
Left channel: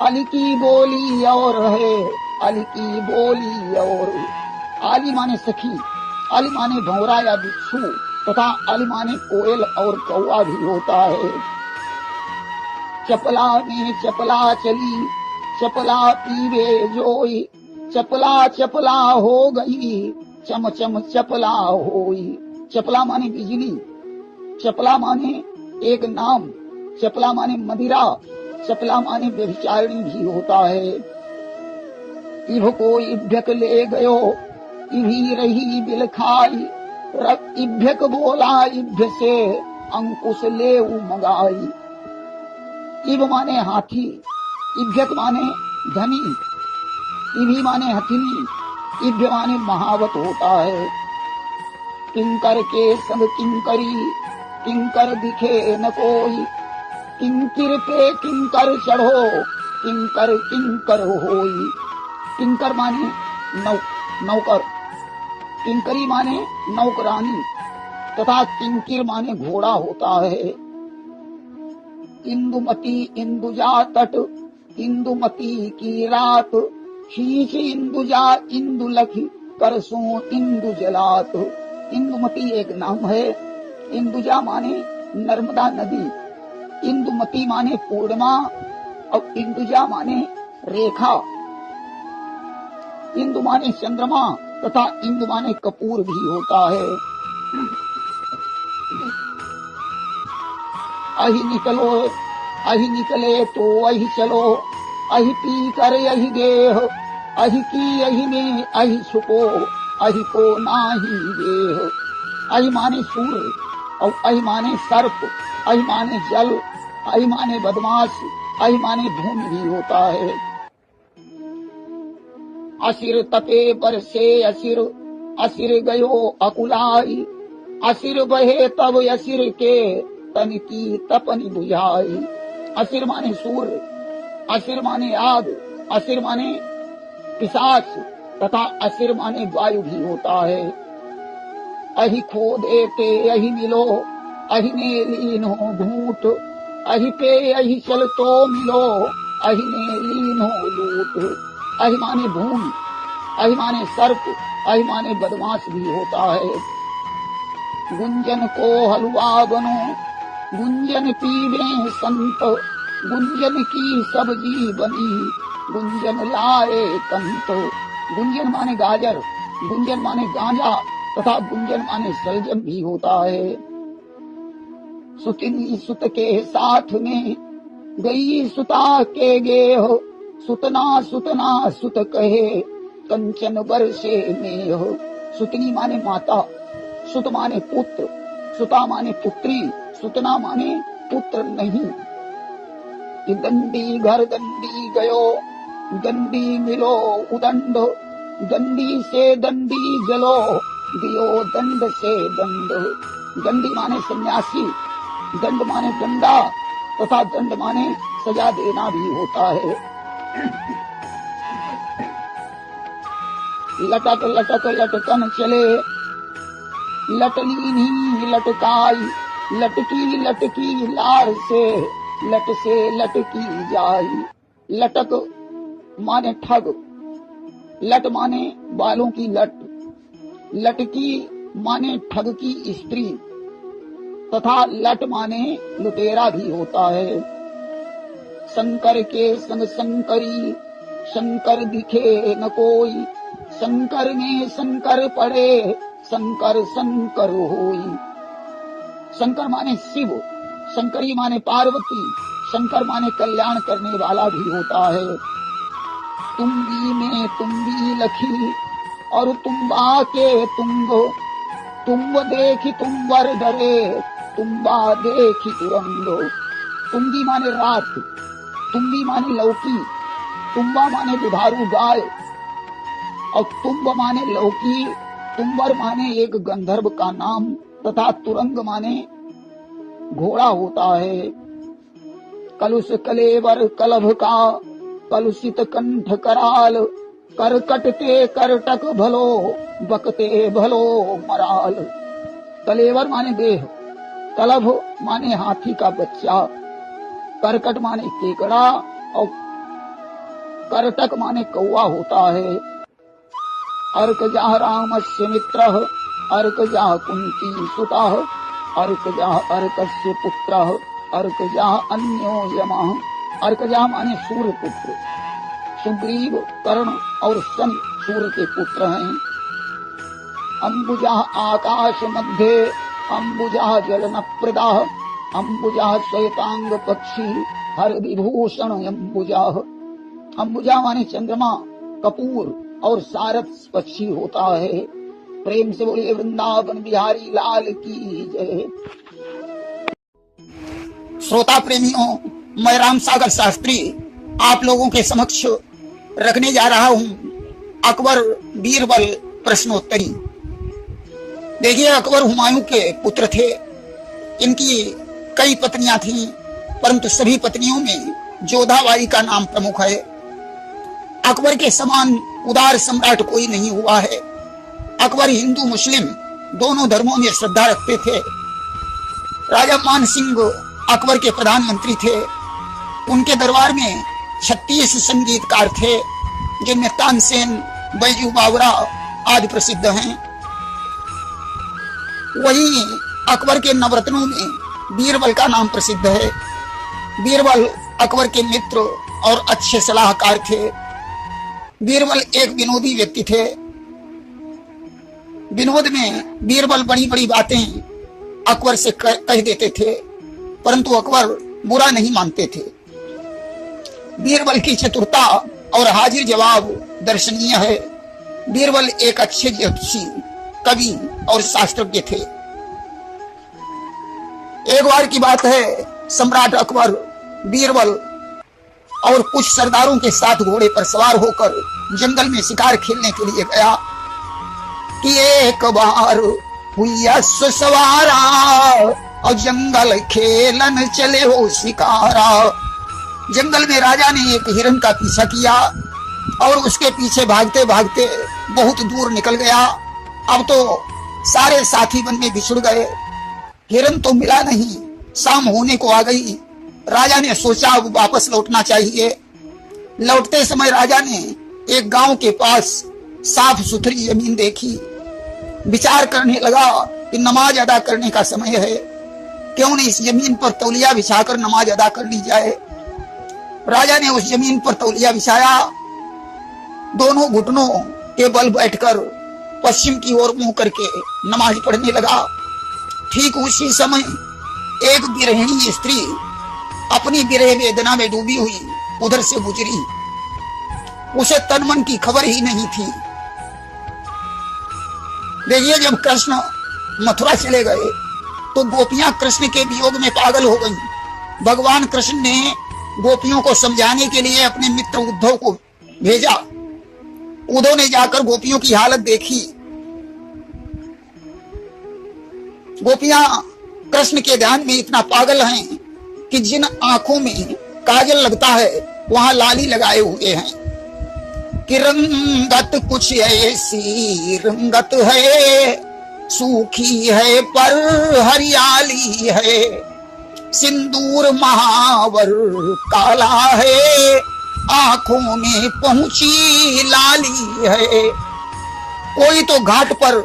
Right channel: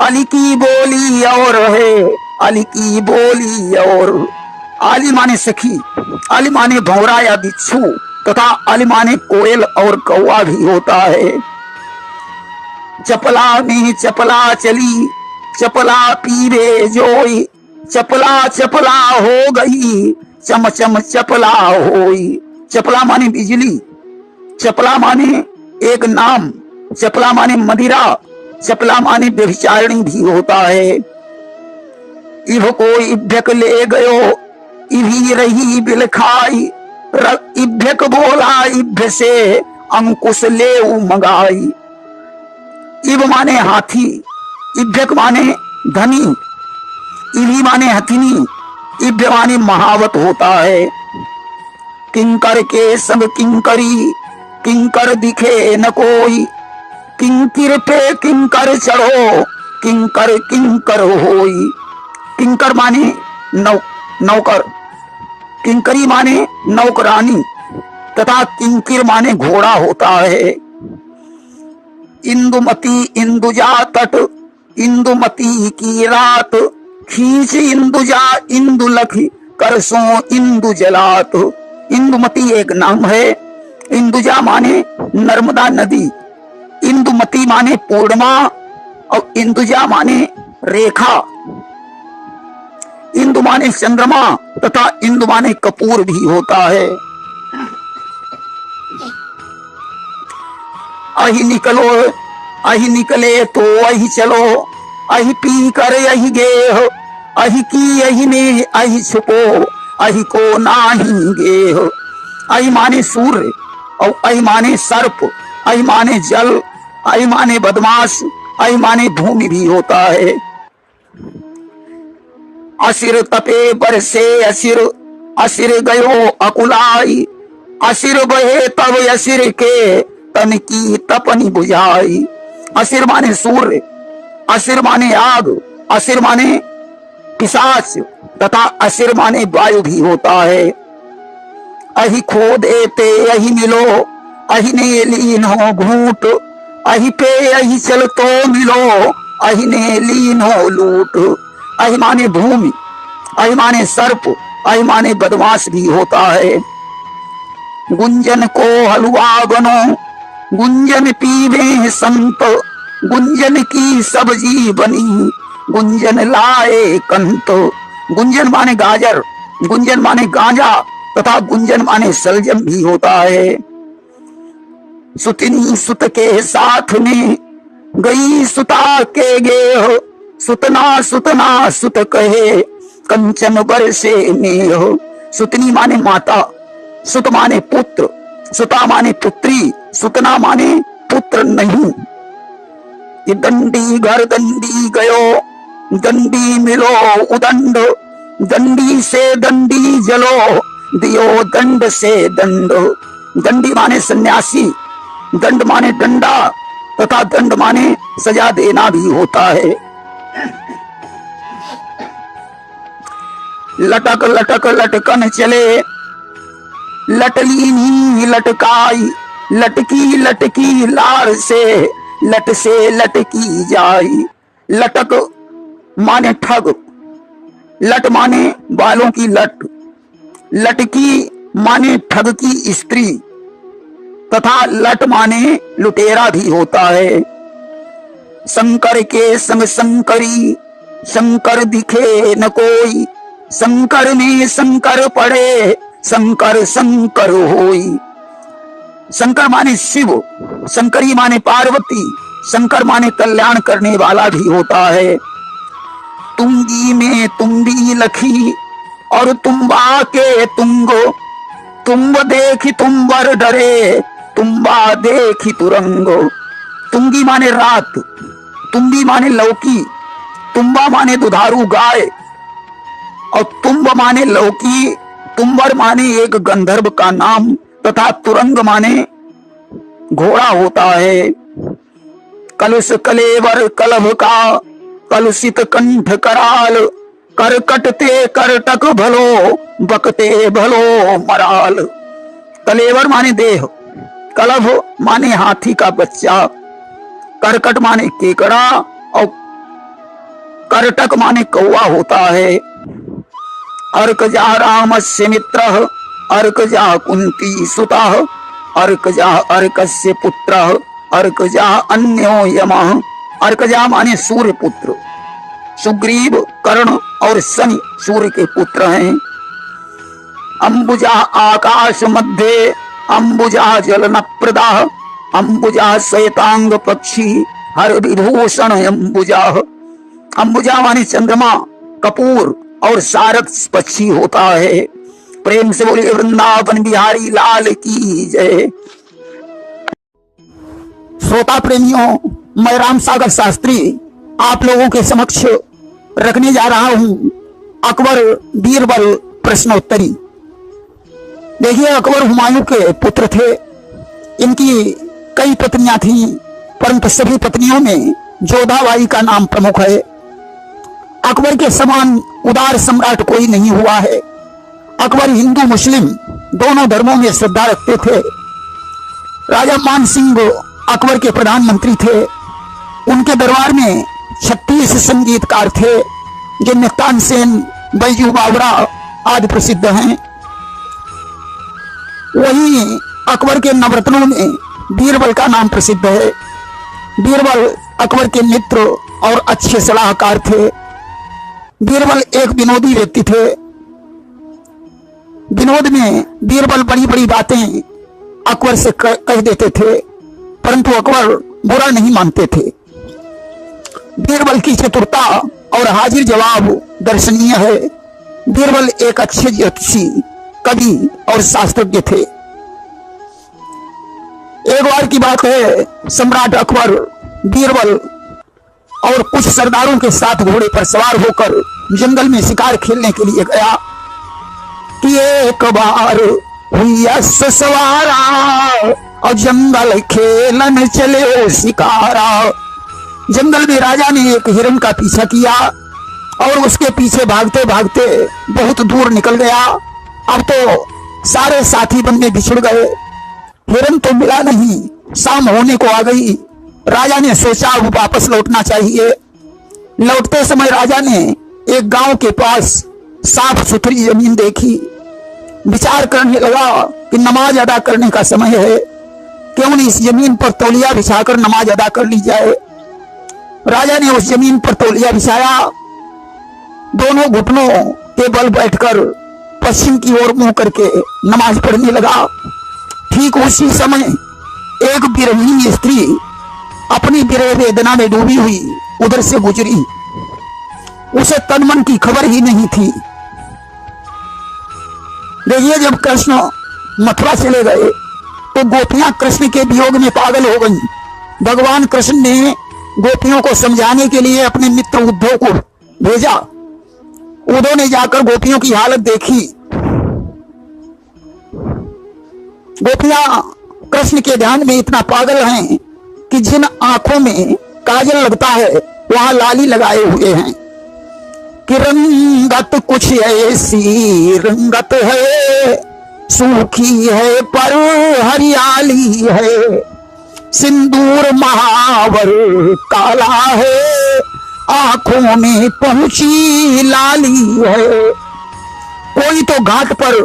अली की बोली और है, अली की बोली और। आली माने सखी, अली माने भौरा या बिच्छू, तथा अली माने कोयल और कौवा भी होता है। चपला में चपला चली, चपला पीरे जोई, चपला चपला हो गई, चम चम चपला होई। चपला माने बिजली, चपला माने एक नाम, चपला माने मदिरा, चपला माने व्यभिचारिणी भी होता है। इभ को इभ्यक ले गयो, इभी रही बिल खाई, इभ्यक बोला इभ्य से अंकुश ले मंगाई। इब माने हाथी, इभ्यक माने धनी, इभी माने हथिनी, इभ्य माने महावत होता है। किंकर के संग किंकरी, किंकर दिखे न कोई, किंकिर पे किंकर चढ़ो, किंकर किंकर होई। किंकर माने नौकर, किंकरी माने नौकरानी, तथा किंकिर माने घोड़ा होता है। इंदुमती इंदुजा तट, इंदुमती की रात, खींच इंदुजा इंदु लखी, करसों इंदु जलात। इंदुमती एक नाम है, इंदुजा माने नर्मदा नदी, इंदुमती माने पूर्णिमा और इंदुजा माने रेखा। इंदु माने चंद्रमा तथा इंदु माने कपूर भी होता है। अहि निकलो, अहि निकले तो अहि चलो, अहि पी कर अहि गेह, अहि की अहि में अहि छुपो, अहि को नाही गेह। अहि माने सूर्य और अहि माने सर्प, अहि माने जल, अहि माने बदमाश, अहि माने भूमि भी होता है। असिर तपे बरसे असिर, असिर गयो अकुलाई, असिर बहे तब असिर के तन की तपनी बुझाई। असिर माने सूर्य, असिर माने आग, असिर माने पिशाच, तथा असिर माने वायु भी होता है। अहि खो देते अहि मिलो, अहि ने लीन हो घूट, अहि पे अहि चल तो मिलो, अहि ने लीन हो लूट। अहि माने भूमि, अहि माने सर्प, अहि माने बदमाश भी होता है। गुंजन को हलवा बनो, गुंजन पीवे संत, गुंजन की सब्जी बनी, गुंजन लाए कंत। गुंजन माने गाजर, गुंजन माने गांजा, तथा गुंजन माने सलजम भी होता है। सुतनी सुत के साथ में गई सुता के गेह, सुतना सुतना सुत कहे कंचन बरसे नेह। सुतनी माने माता, सुत माने पुत्र, सुता माने पुत्री, सुतना माने पुत्र नहीं। ये दंडी घर दंडी गयो, दंडी मिलो उदंड, दंडी से दंडी जलो, दियो दंड से दंड। दंडी माने सन्यासी, दंड माने डंडा, तथा दंड माने सजा देना भी होता है। लटक लटक लटकन चले, लटली नी लटकाई, लटकी लटकी लार से, लट से लटकी जाई। लटक माने ठग, लट माने बालों की लट, लटकी माने ठग की स्त्री, तथा लट माने लुटेरा भी होता है। शंकर के संग शंकरी, शंकर दिखे न कोई, शंकर में शंकर पड़े, शंकर शंकर होई। शंकर माने शिव, शंकरी माने पार्वती, शंकर माने कल्याण करने वाला भी होता है। तुंगी में तुम्बी लखी और तुम्बा के तुंगो, तुम्ब देखी तुम्बर डरे, तुम्बा देखी तुरंगो। तुंगी माने रात, तुम्बी माने लौकी, तुम्बा माने दुधारू गाय, और तुम्ब माने लौकी, तुम्बर माने एक गंधर्व का नाम तथा तुरंग माने घोड़ा होता है। कलुष कलेवर कलभ का कलुषित कंठ कराल, करकटते करटक भलो बकते भलो मराल। कलेवर माने देह, कलभ माने हाथी का बच्चा, करकट माने केकड़ा और करटक माने कौवा होता है। अर्कजा रामस्य मित्रः, अर्कजा कुंती सुतः, अर्कजा अर्कस्य पुत्रः, अर्कजा अन्यो यमः। अर्कजा माने सूर्य पुत्र, सुग्रीव कर्ण और शनि सूर्य के पुत्र हैं। अंबुजा आकाश मध्य, अंबुजा जलन प्रदा, अंबुजा श्वेतांग पक्षी हर विभूषण अंबुजा। अंबुजा माने चंद्रमा, कपूर और सारथ पक्षी होता है। प्रेम से बोलिए वृंदावन बिहारी लाल की जय। श्रोता प्रेमियों, मैं राम सागर शास्त्री आप लोगों के समक्ष रखने जा रहा हूं अकबर बीरबल प्रश्नोत्तरी। देखिए, अकबर हुमायूं के पुत्र थे। इनकी कई पत्नियां थीं, परंतु सभी पत्नियों में जोधाबाई का नाम प्रमुख है। अकबर के समान उदार सम्राट कोई नहीं हुआ है। अकबर हिंदू मुस्लिम दोनों धर्मों में श्रद्धा रखते थे। राजा मान सिंह अकबर के प्रधानमंत्री थे। उनके दरबार में 36 संगीतकार थे, जिनमें तानसेन, बैजू बावरा आदि प्रसिद्ध हैं। वहीं अकबर के नवरत्नों में बीरबल का नाम प्रसिद्ध है। बीरबल अकबर के मित्र और अच्छे सलाहकार थे। बीरबल एक विनोदी व्यक्ति थे। विनोद में बीरबल बड़ी बड़ी बातें अकबर से कह देते थे, परंतु अकबर बुरा नहीं मानते थे। बीरबल की चतुरता और हाजिर जवाब दर्शनीय है। बीरबल एक अच्छे ज्योतिषी, कवि और शास्त्रज्ञ थे। एक बार की बात है, सम्राट अकबर बीरबल और कुछ सरदारों के साथ घोड़े पर सवार होकर जंगल में शिकार खेलने के लिए गया कि एक बार हुई सवारा और जंगल खेलन चले हो शिकारा। जंगल में राजा ने एक हिरण का पीछा किया और उसके पीछे भागते भागते बहुत दूर निकल गया। अब तो सारे साथी बंदे बिछुड़ गए। हिरण तो मिला नहीं। शाम होने को आ गई। राजा ने सोचा अब वापस लौटना चाहिए। लौटते समय राजा ने एक गांव के पास साफ सुथरी जमीन देखी। विचार करने लगा कि नमाज अदा करने का समय है, क्यों नहीं इस जमीन पर तौलिया बिछाकर नमाज अदा कर ली जाए। राजा ने उस जमीन पर तौलिया बिछाया। दोनों घुटनों के बल बैठकर पश्चिम की ओर मुंह करके नमाज पढ़ने लगा। ठीक उसी समय एक विरहिणी स्त्री अपनी विरह वेदना में डूबी हुई उधर से गुजरी। उसे तन मन की खबर ही नहीं थी। देखिए, जब कृष्ण मथुरा चले गए तो गोपियां कृष्ण के वियोग में पागल हो गईं। भगवान कृष्ण ने गोपियों को समझाने के लिए अपने मित्र उद्धव को भेजा। उद्धव ने जाकर गोपियों की हालत देखी। गोपियां कृष्ण के ध्यान में इतना पागल हैं कि जिन आंखों में काजल लगता है वहां लाली लगाए हुए हैं कि रंगत कुछ ऐसी रंगत है, सूखी है पर हरियाली है, सिंदूर महावर काला है, आंखों में पहुंची लाली है। कोई तो घाट पर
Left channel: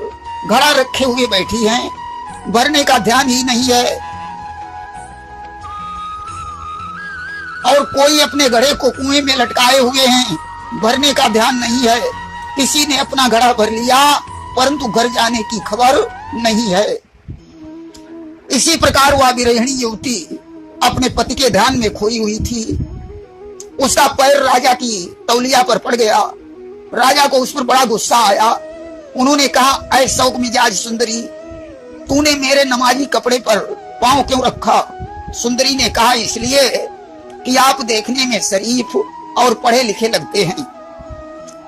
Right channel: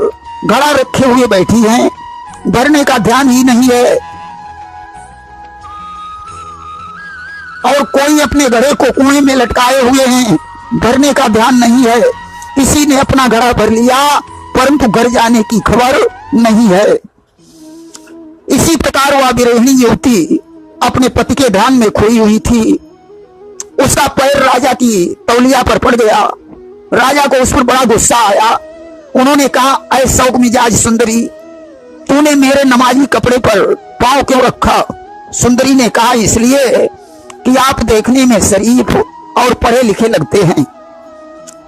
घड़ा रखे हुए बैठी हैं, भरने का ध्यान ही नहीं है। और कोई अपने घड़े को कुएं में लटकाए हुए हैं, भरने का ध्यान नहीं है। किसी ने अपना घड़ा भर लिया परंतु घर जाने की खबर नहीं है। इसी प्रकार वह विरहिणी युवती अपने पति के ध्यान में खोई हुई थी। उसका पैर राजा की तौलिया पर पड़ गया। राजा को उस पर बड़ा गुस्सा आया। उन्होंने कहा, ऐ शौक मिजाज सुंदरी, तूने मेरे नमाजी कपड़े पर पांव क्यों रखा? सुंदरी ने कहा, इसलिए कि आप देखने में शरीफ और पढ़े लिखे लगते हैं।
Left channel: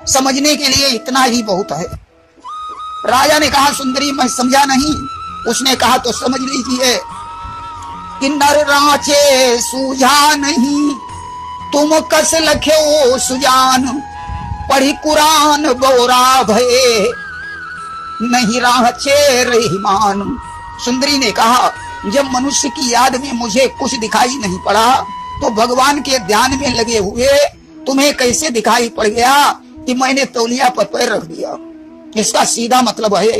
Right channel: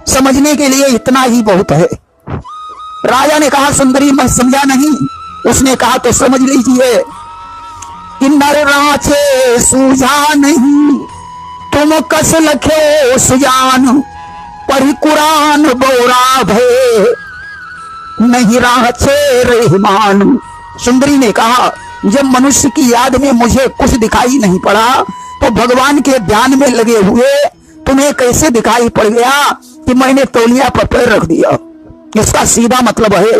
समझने के लिए इतना ही बहुत है। राजा ने कहा सुंदरी मैं समझा नहीं। उसने कहा तो समझ लीजिए कि नर रांचे सूझा नहीं, तुम कस लखे सुजान, पढ़ी कुरान बोरा भय, नहीं रांचे रहमान। सुंदरी ने कहा जब मनुष्य की याद में मुझे कुछ दिखाई नहीं पड़ा तो भगवान के ध्यान में लगे हुए तुम्हें कैसे दिखाई पड़ गया कि मैंने तौलिया पर पैर रख दिया। इसका सीधा मतलब है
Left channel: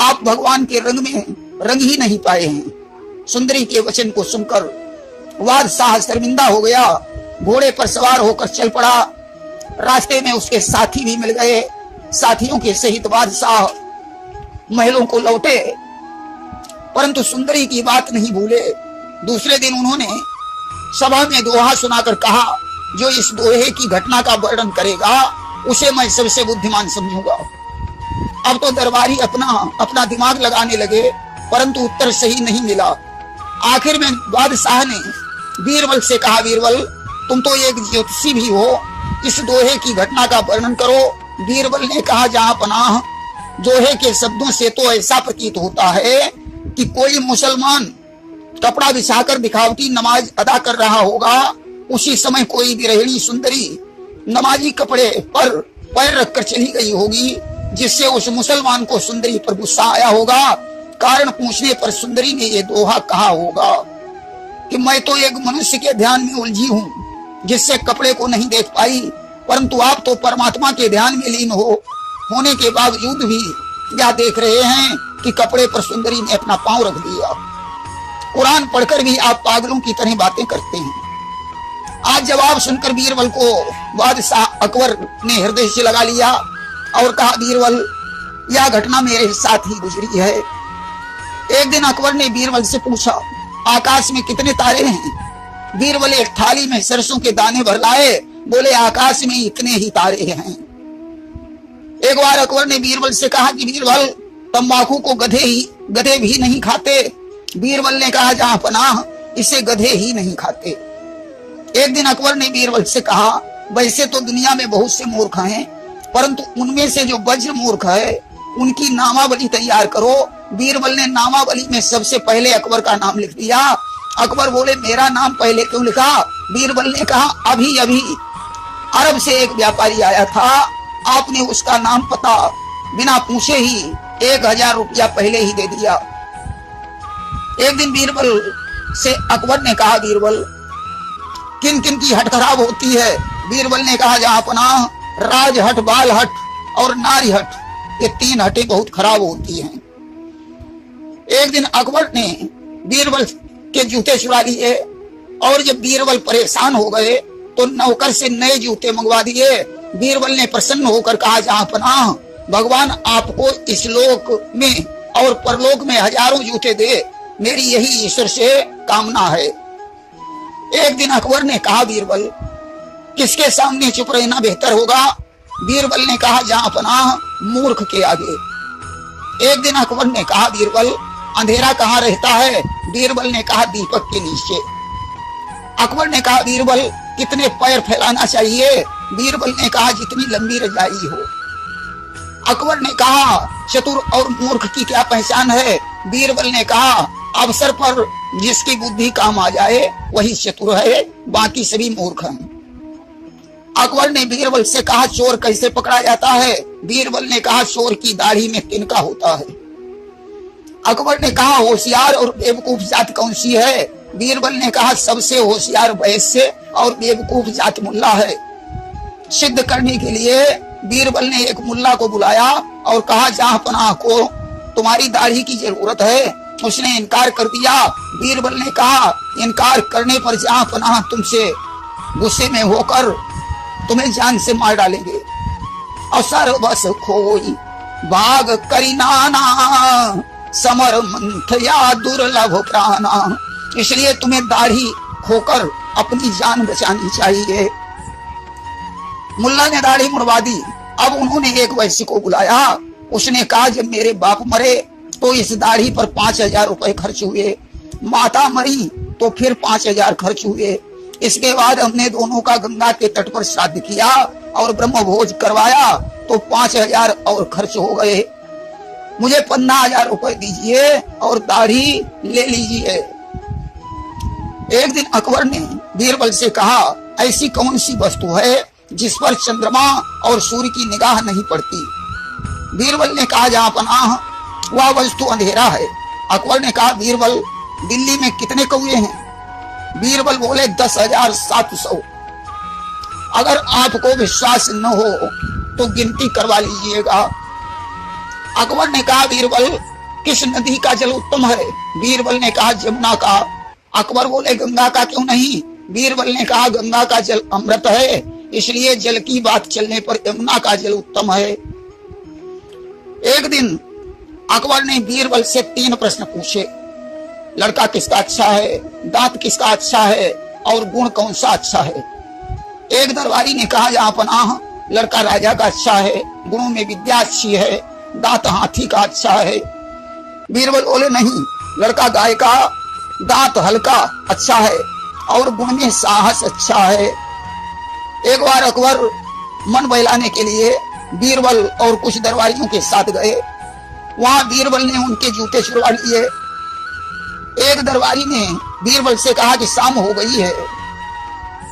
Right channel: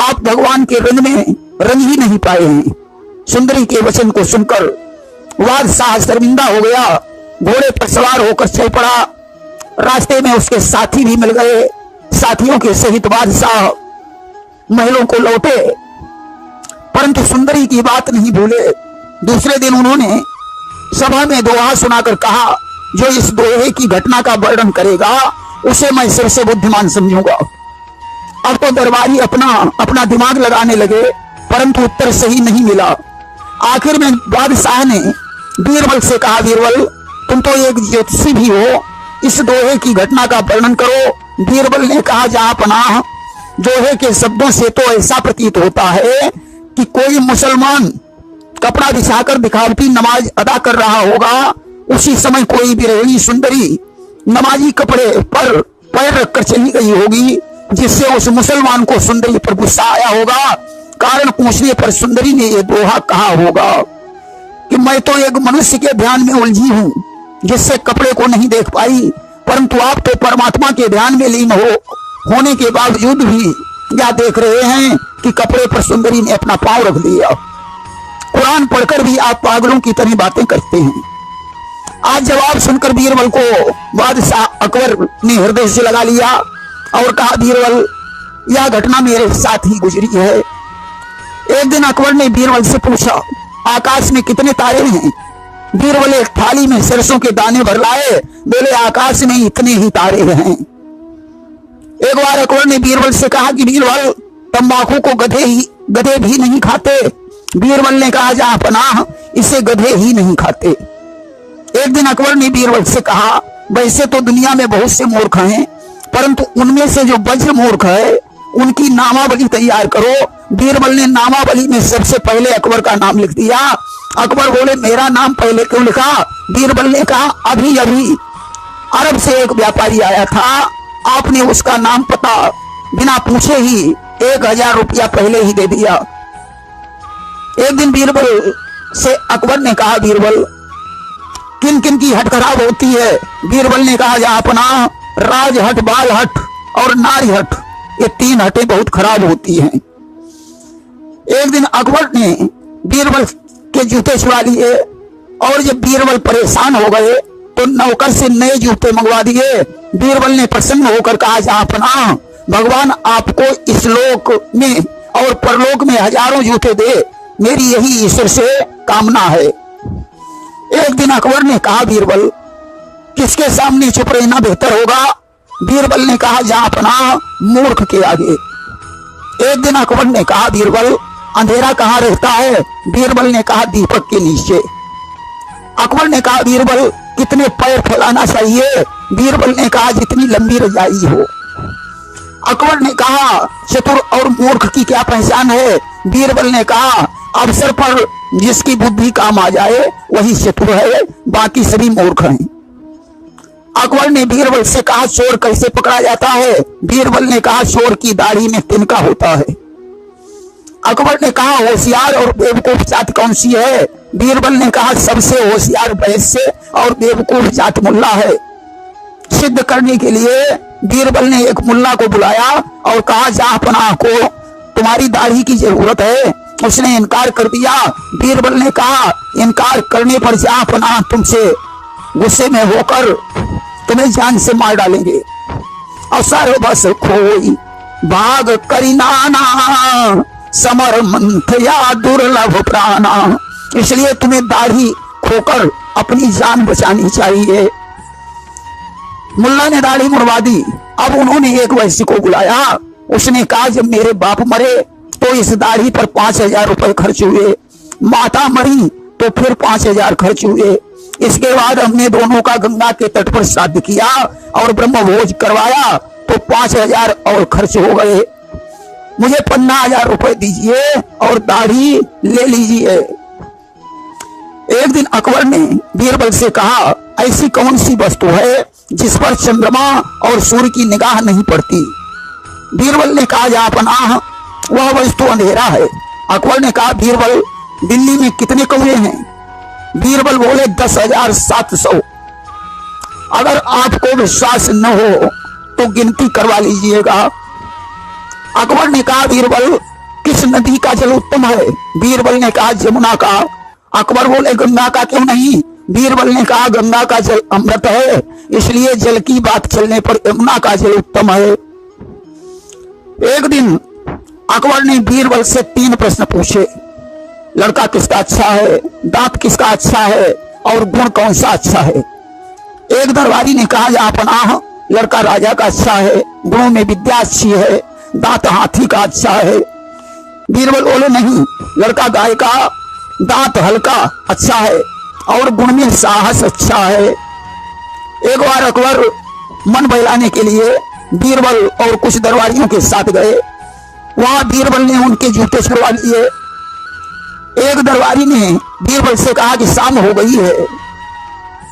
आप भगवान के रंग में रंग ही नहीं पाए हैं। सुंदरी के वचन को सुनकर बादशाह शर्मिंदा हो गया, घोड़े पर सवार होकर चल पड़ा। रास्ते में उसके साथी भी मिल गए। साथियों के सहित बादशाह महलों को लौटे, परंतु सुंदरी की बात नहीं भूले। दूसरे दिन उन्होंने सभा में दोहा सुनाकर कहा जो इस दोहे की घटना का वर्णन करेगा उसे मैं सबसे बुद्धिमान समझूंगा। अब तो दरबारी अपना दिमाग लगाने लगे, परंतु उत्तर सही नहीं मिला। आखिर में बादशाह ने बीरबल से कहा बीरबल तुम तो एक ज्योतिषी भी हो, इस दोहे की घटना का वर्णन करो। बीरबल ने कहा जहां पनाह, दोहे के शब्दों से तो ऐसा प्रतीत होता है कि कोई मुसलमान कपड़ा बिछाकर दिखावटी नमाज अदा कर रहा होगा। उसी समय कोई बिरहणी सुंदरी नमाजी कपड़े पर पैर रखकर चली गई होगी, जिससे उस मुसलमान को सुंदरी पर गुस्सा आया होगा। कारण पूछने पर सुंदरी ने यह दोहा कहा होगा कि मैं तो एक मनुष्य के ध्यान में उलझी हूँ जिससे कपड़े को नहीं देख पाई, परंतु आप तो परमात्मा के ध्यान में लीन होने के बावजूद भी क्या देख रहे हैं कि कपड़े पर सुंदरी ने अपना पांव रख दिया। कुरान पढ़कर भी आप पागलों की तरह बातें करते हैं। आज जवाब सुनकर बीरबल को बादशाह अकबर ने हृदय से लगा लिया और कहा बीरबल यह घटना मेरे साथ ही गुजरी है। एक दिन अकबर ने बीरबल से पूछा आकाश में कितने तारे हैं। बीरबल एक थाली में सरसों के दाने भर लाए, बोले आकाश में इतने ही तारे हैं। एक बार अकबर ने बीरबल से कहा कि बीरबल तंबाकू को गधे भी नहीं खाते। बीरबल ने कहा जहां पनाह इसे गधे ही नहीं खाते। एक दिन अकबर ने बीरबल से कहा वैसे तो दुनिया में बहुत से मूर्ख हैं, परंतु उनमें से जो वज्र मूर्ख है उनकी नामावली तैयार करो। बीरबल ने नामावली में सबसे पहले अकबर का नाम लिख दिया। अकबर बोले मेरा नाम पहले क्यों लिखा। बीरबल ने कहा अभी अभी अरब से एक व्यापारी आया था, आपने उसका नाम पता बिना पूछे ही 1000 रुपया पहले ही दे दिया। एक दिन बीरबल से अकबर ने कहा बीरबल किन किन की हट खराब होती है। बीरबल ने कहा जहां पनाह राज हट, बाल हट और नारी हट, ये 3 हटें बहुत खराब होती हैं। एक दिन अकबर ने बीरबल के जूते छुड़ा लिए और जब बीरबल परेशान हो गए तो नौकर से नए जूते मंगवा दिए। बीरबल ने प्रसन्न होकर कहा जहां पनाह भगवान आपको इस लोक में और परलोक में हजारों जूते दे, मेरी यही ईश्वर से कामना है। एक दिन अकबर ने कहा बीरबल किसके सामने चुप रहना बेहतर होगा। बीरबल ने कहा जहां पनाह मूर्ख के आगे। एक दिन अकबर ने कहा बीरबल अंधेरा कहाँ रहता है। बीरबल ने कहा दीपक के नीचे। अकबर ने कहा बीरबल कितने पैर फैलाना चाहिए। बीरबल ने कहा जितनी लंबी रजाई हो। अकबर ने कहा चतुर और मूर्ख की क्या पहचान है। बीरबल ने कहा अवसर पर जिसकी बुद्धि काम आ जाए वही चतुर है, बाकी सभी मूर्ख हैं। अकबर ने बीरबल से कहा चोर कैसे पकड़ा जाता है। बीरबल ने कहा चोर की दाढ़ी में तिनका होता है। अकबर ने कहा होशियार और बेवकूफ जात कौन सी है। बीरबल ने कहा सबसे होशियार वैश्य और बेवकूफ जात मुल्ला है। सिद्ध करने के लिए बीरबल ने एक मुल्ला को बुलाया और कहा जहां पनाह को तुम्हारी दाढ़ी की जरूरत है। उसने इनकार कर दिया। बीरबल ने कहा इनकार करने पर जहां पनाह तुमसे गुस्से में होकर तुम्हें जान से मार डालेंगे। अवसर बस खोई भाग करीनाना, समर मंथया दुर्लभ प्राणा। इसलिए तुम्हें दाढ़ी खोकर अपनी जान बचानी चाहिए। मुल्ला ने दाढ़ी मुड़वा दी। अब उन्होंने एक वैश्य को बुलाया। उसने कहा जब मेरे बाप मरे तो इस दाढ़ी पर 5000 रुपए खर्च हुए, माता मरी तो फिर 5000 खर्च हुए, इसके बाद हमने दोनों का गंगा के तट पर श्राद्ध किया और ब्रह्म भोज करवाया तो 5,000 और खर्च हो गए। मुझे 15,000 रुपए दीजिए और दाढ़ी ले लीजिए। एक दिन अकबर ने बीरबल से कहा, ऐसी कौन सी वस्तु है जिस पर चंद्रमा और सूर्य की निगाह नहीं पड़ती? बीरबल ने कहा, जहांपनाह वह वस्तु अंधेरा है। अकबर ने कहा, बीरबल दिल्ली में कितने कौवे हैं? बीरबल बोले 10,700। अगर आपको विश्वास न हो तो गिनती करवा लीजिएगा। अकबर ने कहा, बीरबल किस नदी का जल उत्तम है? बीरबल ने कहा, जमुना का। अकबर बोले, गंगा का क्यों नहीं? बीरबल ने कहा, गंगा का जल अमृत है, इसलिए जल की बात चलने पर यमुना का जल उत्तम है। एक दिन अकबर ने बीरबल से 3 प्रश्न पूछे। लड़का किसका अच्छा है, दांत किसका अच्छा है और गुण कौन सा अच्छा है? एक दरबारी ने कहा, जहांपनाह लड़का राजा का अच्छा है, गुणों में विद्या अच्छी है, दांत हाथी का अच्छा है। बीरबल बोले, नहीं, लड़का गाय का, दांत हल्का अच्छा है और गुण में साहस अच्छा है। एक बार अकबर मन बहलाने के लिए बीरबल और कुछ दरबारियों के साथ गए। वहां बीरबल ने उनके जूते छुड़वा लिए। एक दरबारी ने बीरबल से कहा कि शाम हो गई है,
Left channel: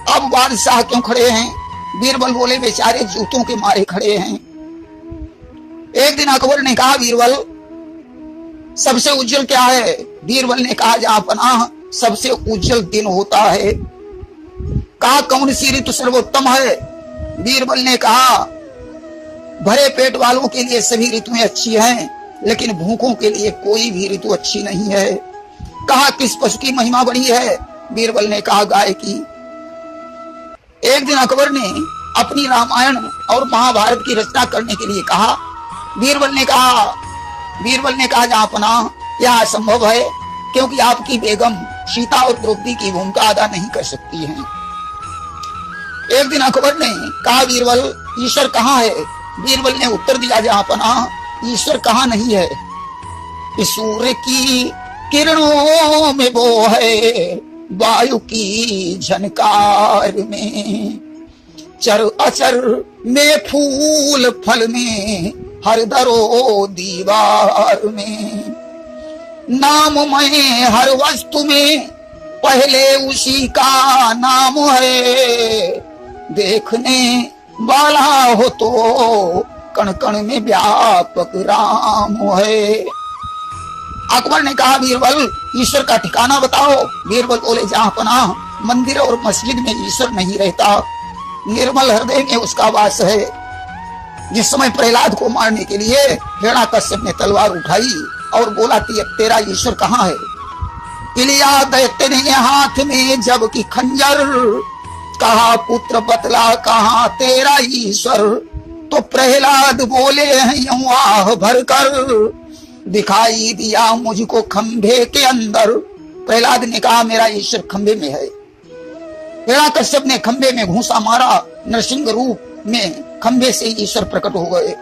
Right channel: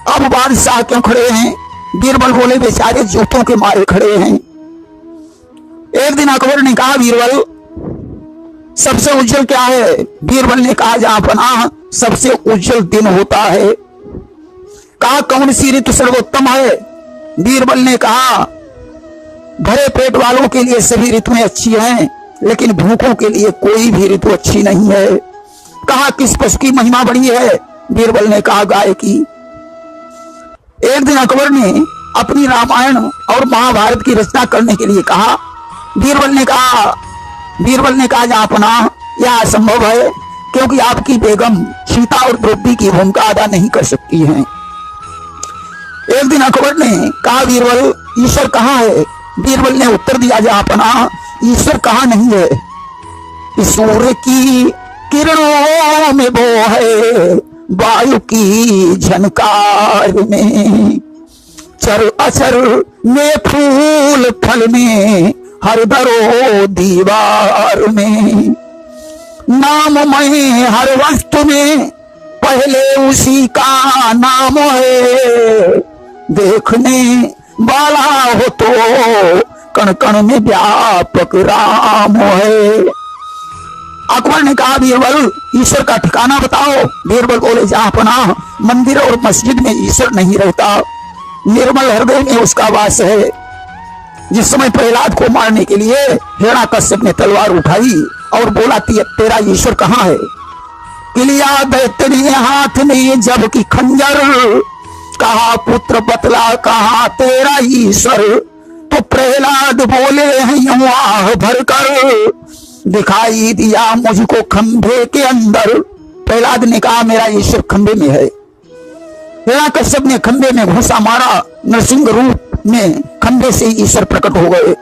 अब बादशाह क्यों खड़े हैं? बीरबल बोले, बेचारे जूतों के मारे खड़े हैं। एक दिन अकबर ने कहा, बीरबल सबसे उज्जवल क्या है? बीरबल ने कहा, जहांपनाह सबसे उज्जवल दिन होता है। कहा, कौन सी ऋतु सर्वोत्तम है? बीरबल ने कहा, भरे पेट वालों के लिए सभी ऋतुएं अच्छी हैं, लेकिन भूखों के लिए कोई भी ऋतु अच्छी नहीं है। कहा, किस पशु की महिमा बड़ी है? बीरबल ने कहा, गाय की। एक दिन अकबर ने अपनी रामायण और महाभारत की रचना करने के लिए कहा। बीरबल ने कहा, जहांपनाह यह असंभव है, क्योंकि आपकी बेगम सीता और द्रौपदी की भूमिका अदा नहीं कर सकती हैं। एक दिन अकबर ने कहा, बीरबल ईश्वर कहाँ है? बीरबल ने उत्तर दिया, जहांपनाह ईश्वर कहाँ नहीं है, इस सूर्य की किरणों में वो है, वायु की झनकार में, चर अचर में, फूल फल में, हर दरो दीवार में, नाम में हर वस्तु में, पहले उसी का नाम है, देखने वाला हो तो कण कण में व्यापक राम है। अकबर ने कहा, बीरबल ईश्वर का ठिकाना बताओ। बीरबल बोले, जहांपनाह मंदिर और मस्जिद में ईश्वर नहीं रहता, निर्मल हृदय में उसका वास है। जिस समय प्रहलाद को मारने के लिए हिरण्याकश्यप ने तलवार उठाई और बोला, तेरा ईश्वर कहाँ है? किलिया दैत्य ने हाथ में जबकि खंजर, कहा पुत्र बतला कहाँ तेरा ईश्वर? तो प्रहलाद बोले हैं यूं आह भरकर, दिखाई दिया मुझको खंभे के अंदर। प्रहलाद ने कहा, मेरा ईश्वर खंभे में है। हिरण्याकश्यप ने खंभे में घूंसा मारा, नरसिंह रूप में खंभे से ईश्वर प्रकट हो गए।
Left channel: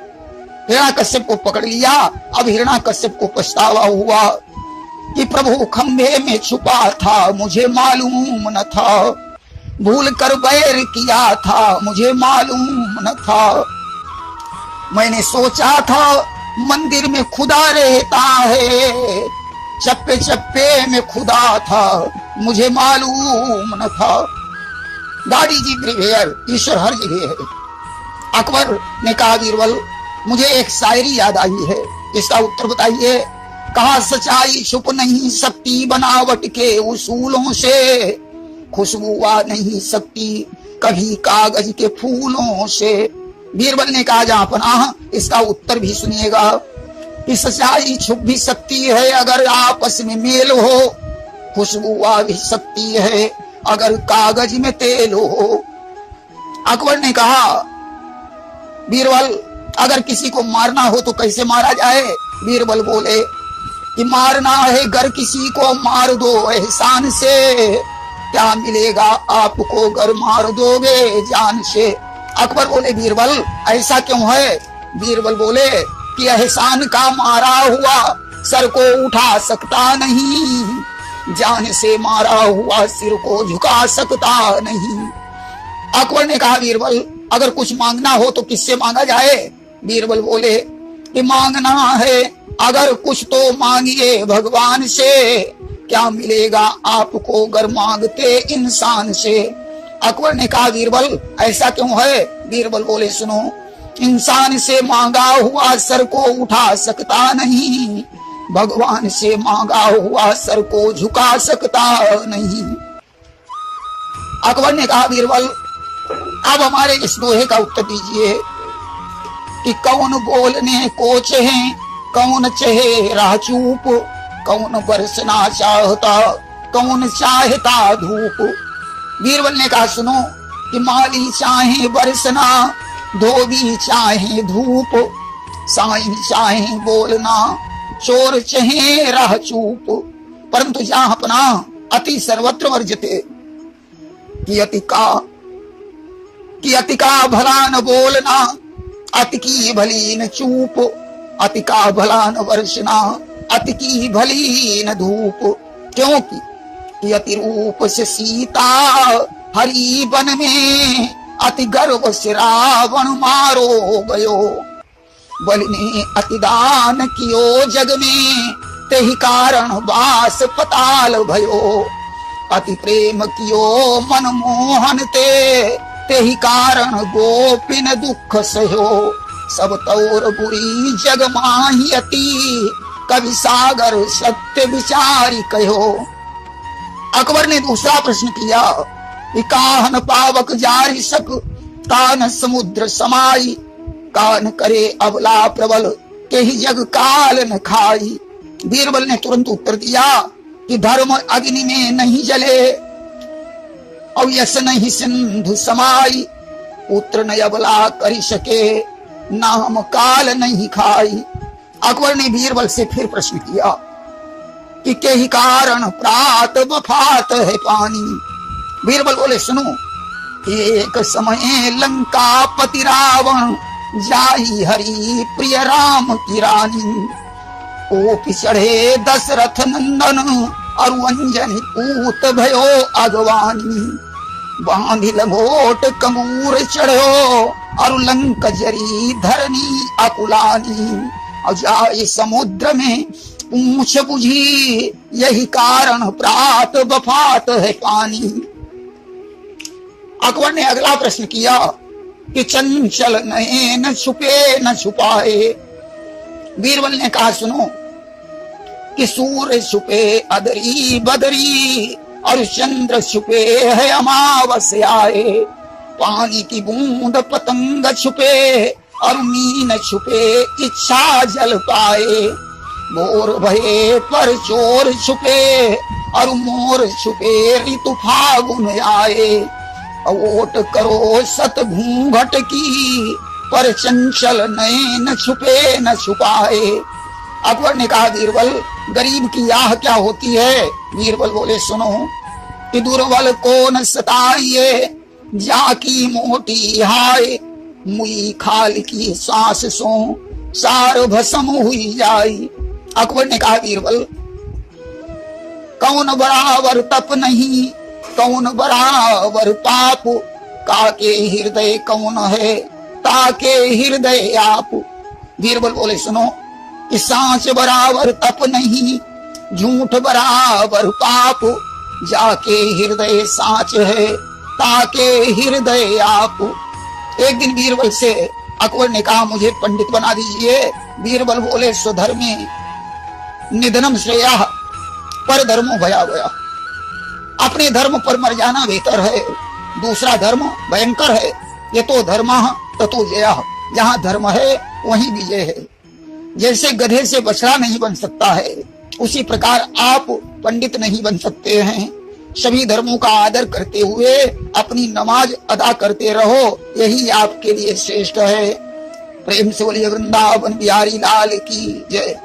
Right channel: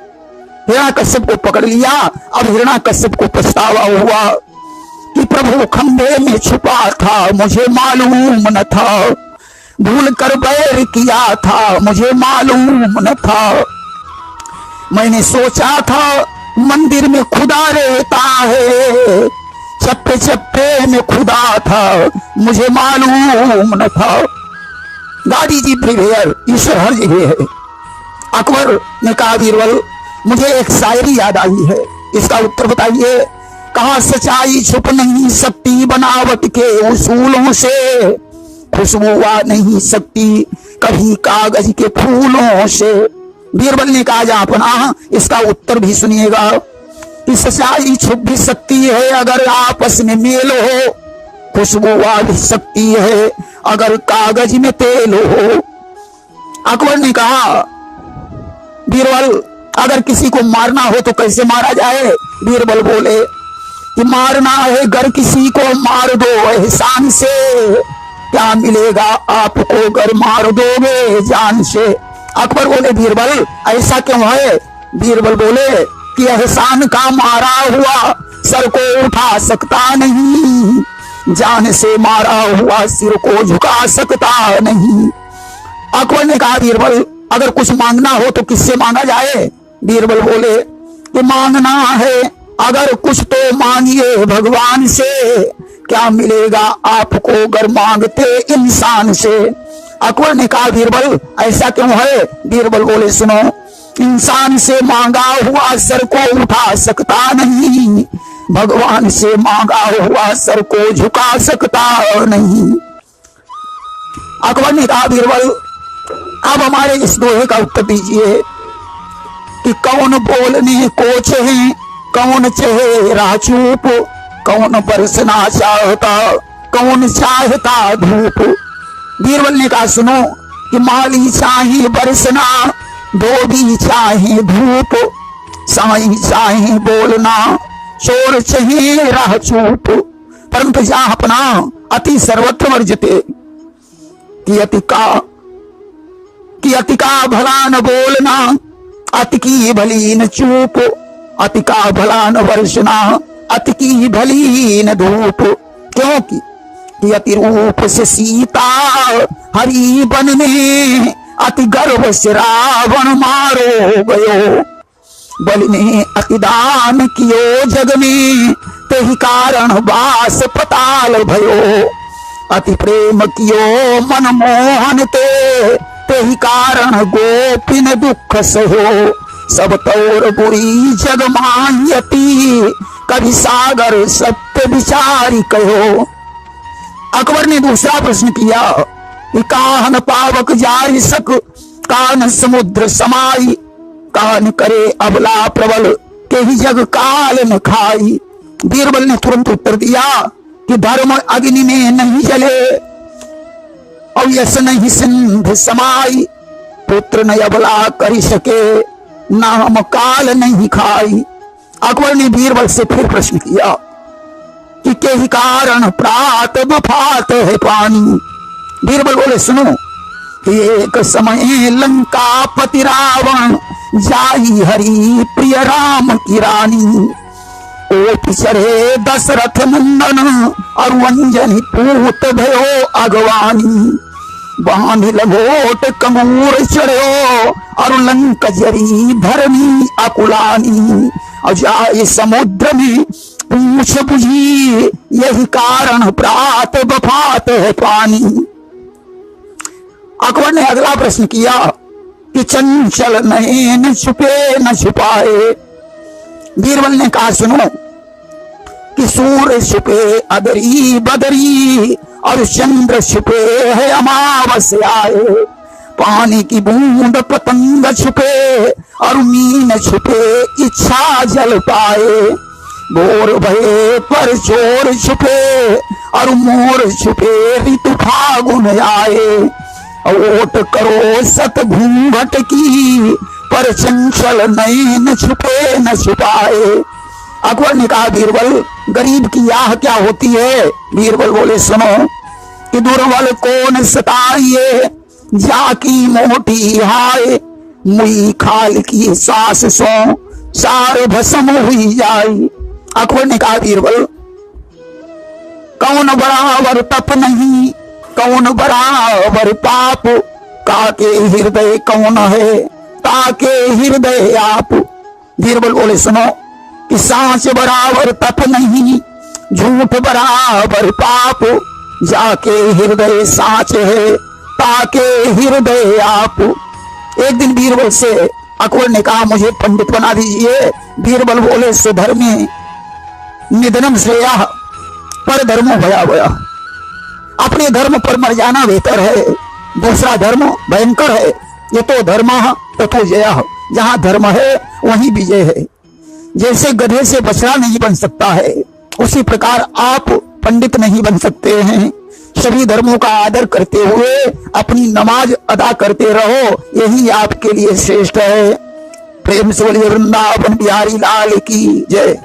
हिरण्याकश्यप को पकड़ लिया। अब हिरण्याकश्यप को पछतावा हुआ कि प्रभु खंभे में छुपा था, मुझे मालूम न था, भूल कर बैर किया था, मुझे मालूम न था। मैंने सोचा था मंदिर में खुदा रहता है, चप्पे चप्पे में खुदा था, मुझे मालूम न था। गाड़ी जी प्रिवेयर, ईश्वर हर जगह है। अकबर ने कहा, बीरबल मुझे एक शायरी याद आई है, इसका उत्तर बताइए। कहा, सच्चाई छुप नहीं सकती बनावट के उसूलों से, खुशबू आ नहीं सकती कभी कागज के फूलों से। बीरबल ने कहा, जहांपनाह इसका उत्तर भी सुनिएगा कि सच्चाई छुप भी सकती है अगर आपस में मेल हो, खुशबू आ भी सकती है अगर कागज में तेल हो। अकबर ने कहा, बीरबल अगर किसी को मारना हो तो कैसे मारा जाए? बीरबल बोले कि मारना है अगर किसी को मार दो एहसान से, क्या मिलेगा आपको अगर मार दोगे जान से। अकबर बोले, बीरबल ऐसा क्यों है? बीरबल बोले कि एहसान का मारा हुआ सर को उठा सकता नहीं, जान से मारा हुआ सिर को झुका सकता नहीं। अकबर ने कहा बीरबल अगर कुछ मांगना हो तो किससे मांगा जाए? बीरबल बोले कि मांगना है अगर कुछ तो मांगिए भगवान से, क्या मिलेगा आपको अगर मांगते इंसान से। अकबर ने कहा बीरबल ऐसा क्यों है? बीरबल बोले सुनो, इंसान से मांगा हुआ सर को उठा सकता नहीं, भगवान से मांगा हुआ सर को झुका सकता नहीं। अकबर ने कहा बीरबल अब हमारे इस दोहे का उत्तर दीजिए कि कौन बोलने को चाहे, कौन चाहे राह चूप, कौन बरसना चाहता, कौन चाहता धूप। बीरबल ने कहा सुनो कि माली चाहे बरसना, धोबी चाहे धूप, साईं चाहे बोलना, चोर चाहे राह चूप, परंतु जहां अपना अति सर्वत्र वर्जते कि अति का भला न बोलना, अति की भली न चूप, अति का भला न वर्षना, अति की भली न धूप। क्योंकि अति रूप से सीता हरि वन में, अति गर्व से रावण मारो गयो, बलि ने अति दान कियो जग में, तेहि कारण वास पताल भयो, अति प्रेम कियो मन मोहन तेहि कारण गोपिन दुख सहो, सब तौर बुरी जग माहियती, कभी सागर सत्य विचारी कहो। अकबर ने दूसरा प्रश्न किया कि काहन पावक जारी सक, कान समुद्र समाई, कान करे अबला प्रबल, के ही जग काल न खाई। बीरबल ने तुरंत उत्तर दिया कि धर्म अग्नि में नहीं जले, और यश नहीं सिंध समाई, पुत्र न अबला करी सके, नाम काल नहीं खाई। अकबर ने बीरबल से फिर प्रश्न किया कि के ही कारण प्रात बफात है पानी। बीरबल बोले सुनो कि एक समय लंका पति रावण, जाई हरि प्रिय राम की रानी, ओट चढ़े दशरथ नंदन, और अंजनी पूत भयो अगवानी, बांधी लंगोट कंगूर चढ़ो, और लंक जरी धरनी अकुलानी, और जाए समुद्र में पूछ बुझी, यही कारण प्रात बफात है पानी। अकबर ने अगला प्रश्न किया कि चंचल नयन छुपे न छुपाए। बीरबल ने कहा सुनो कि सूर्य छुपे अदरी बदरी, और चंद्र छुपे है अमावस्याए, पानी की बूंद पतंग छुपे, और मीन छुपे इच्छा जल पाए, भोर भये पर चोर छुपे, और मोर छुपे ऋतु फागुन आए, ओट करो सत घूंघट की, पर चंचल नयन छुपे न छुपाए। अकबर ने कहा बीरबल गरीब की आह क्या होती है? बीरबल बोले सुनो कि दुर्बल कौन सताइए, जाकी मोटी हाय, मुई खाल की सांस सो, सार भस्म हुई जाई। अकबर ने कहा बीरबल कौन बराबर तप नहीं, कौन बराबर पाप, काके हृदय कौन है, ताके हृदय आप। बीरबल बोले सुनो कि सांच बराबर तप नहीं, झूठ बराबर पाप, जाके हृदय सांच है, ताके हृदय आप। एक दिन बीरबल से अकबर ने कहा मुझे पंडित बना दीजिए। बीरबल बोले स्वधर्मे निधनम श्रेया, पर धर्मो भयावह, अपने धर्म पर मर जाना बेहतर है, दूसरा धर्म भयंकर है। ये तो धर्म ततो जय, जहां धर्म है वहीं विजय है। जैसे गधे से बछड़ा नहीं बन सकता है, उसी प्रकार आप पंडित नहीं बन सकते हैं। सभी धर्मों का आदर करते हुए अपनी नमाज अदा करते रहो, यही आपके लिए श्रेष्ठ है। प्रेम से बोलिए वृंदावन बिहारी लाल की जय।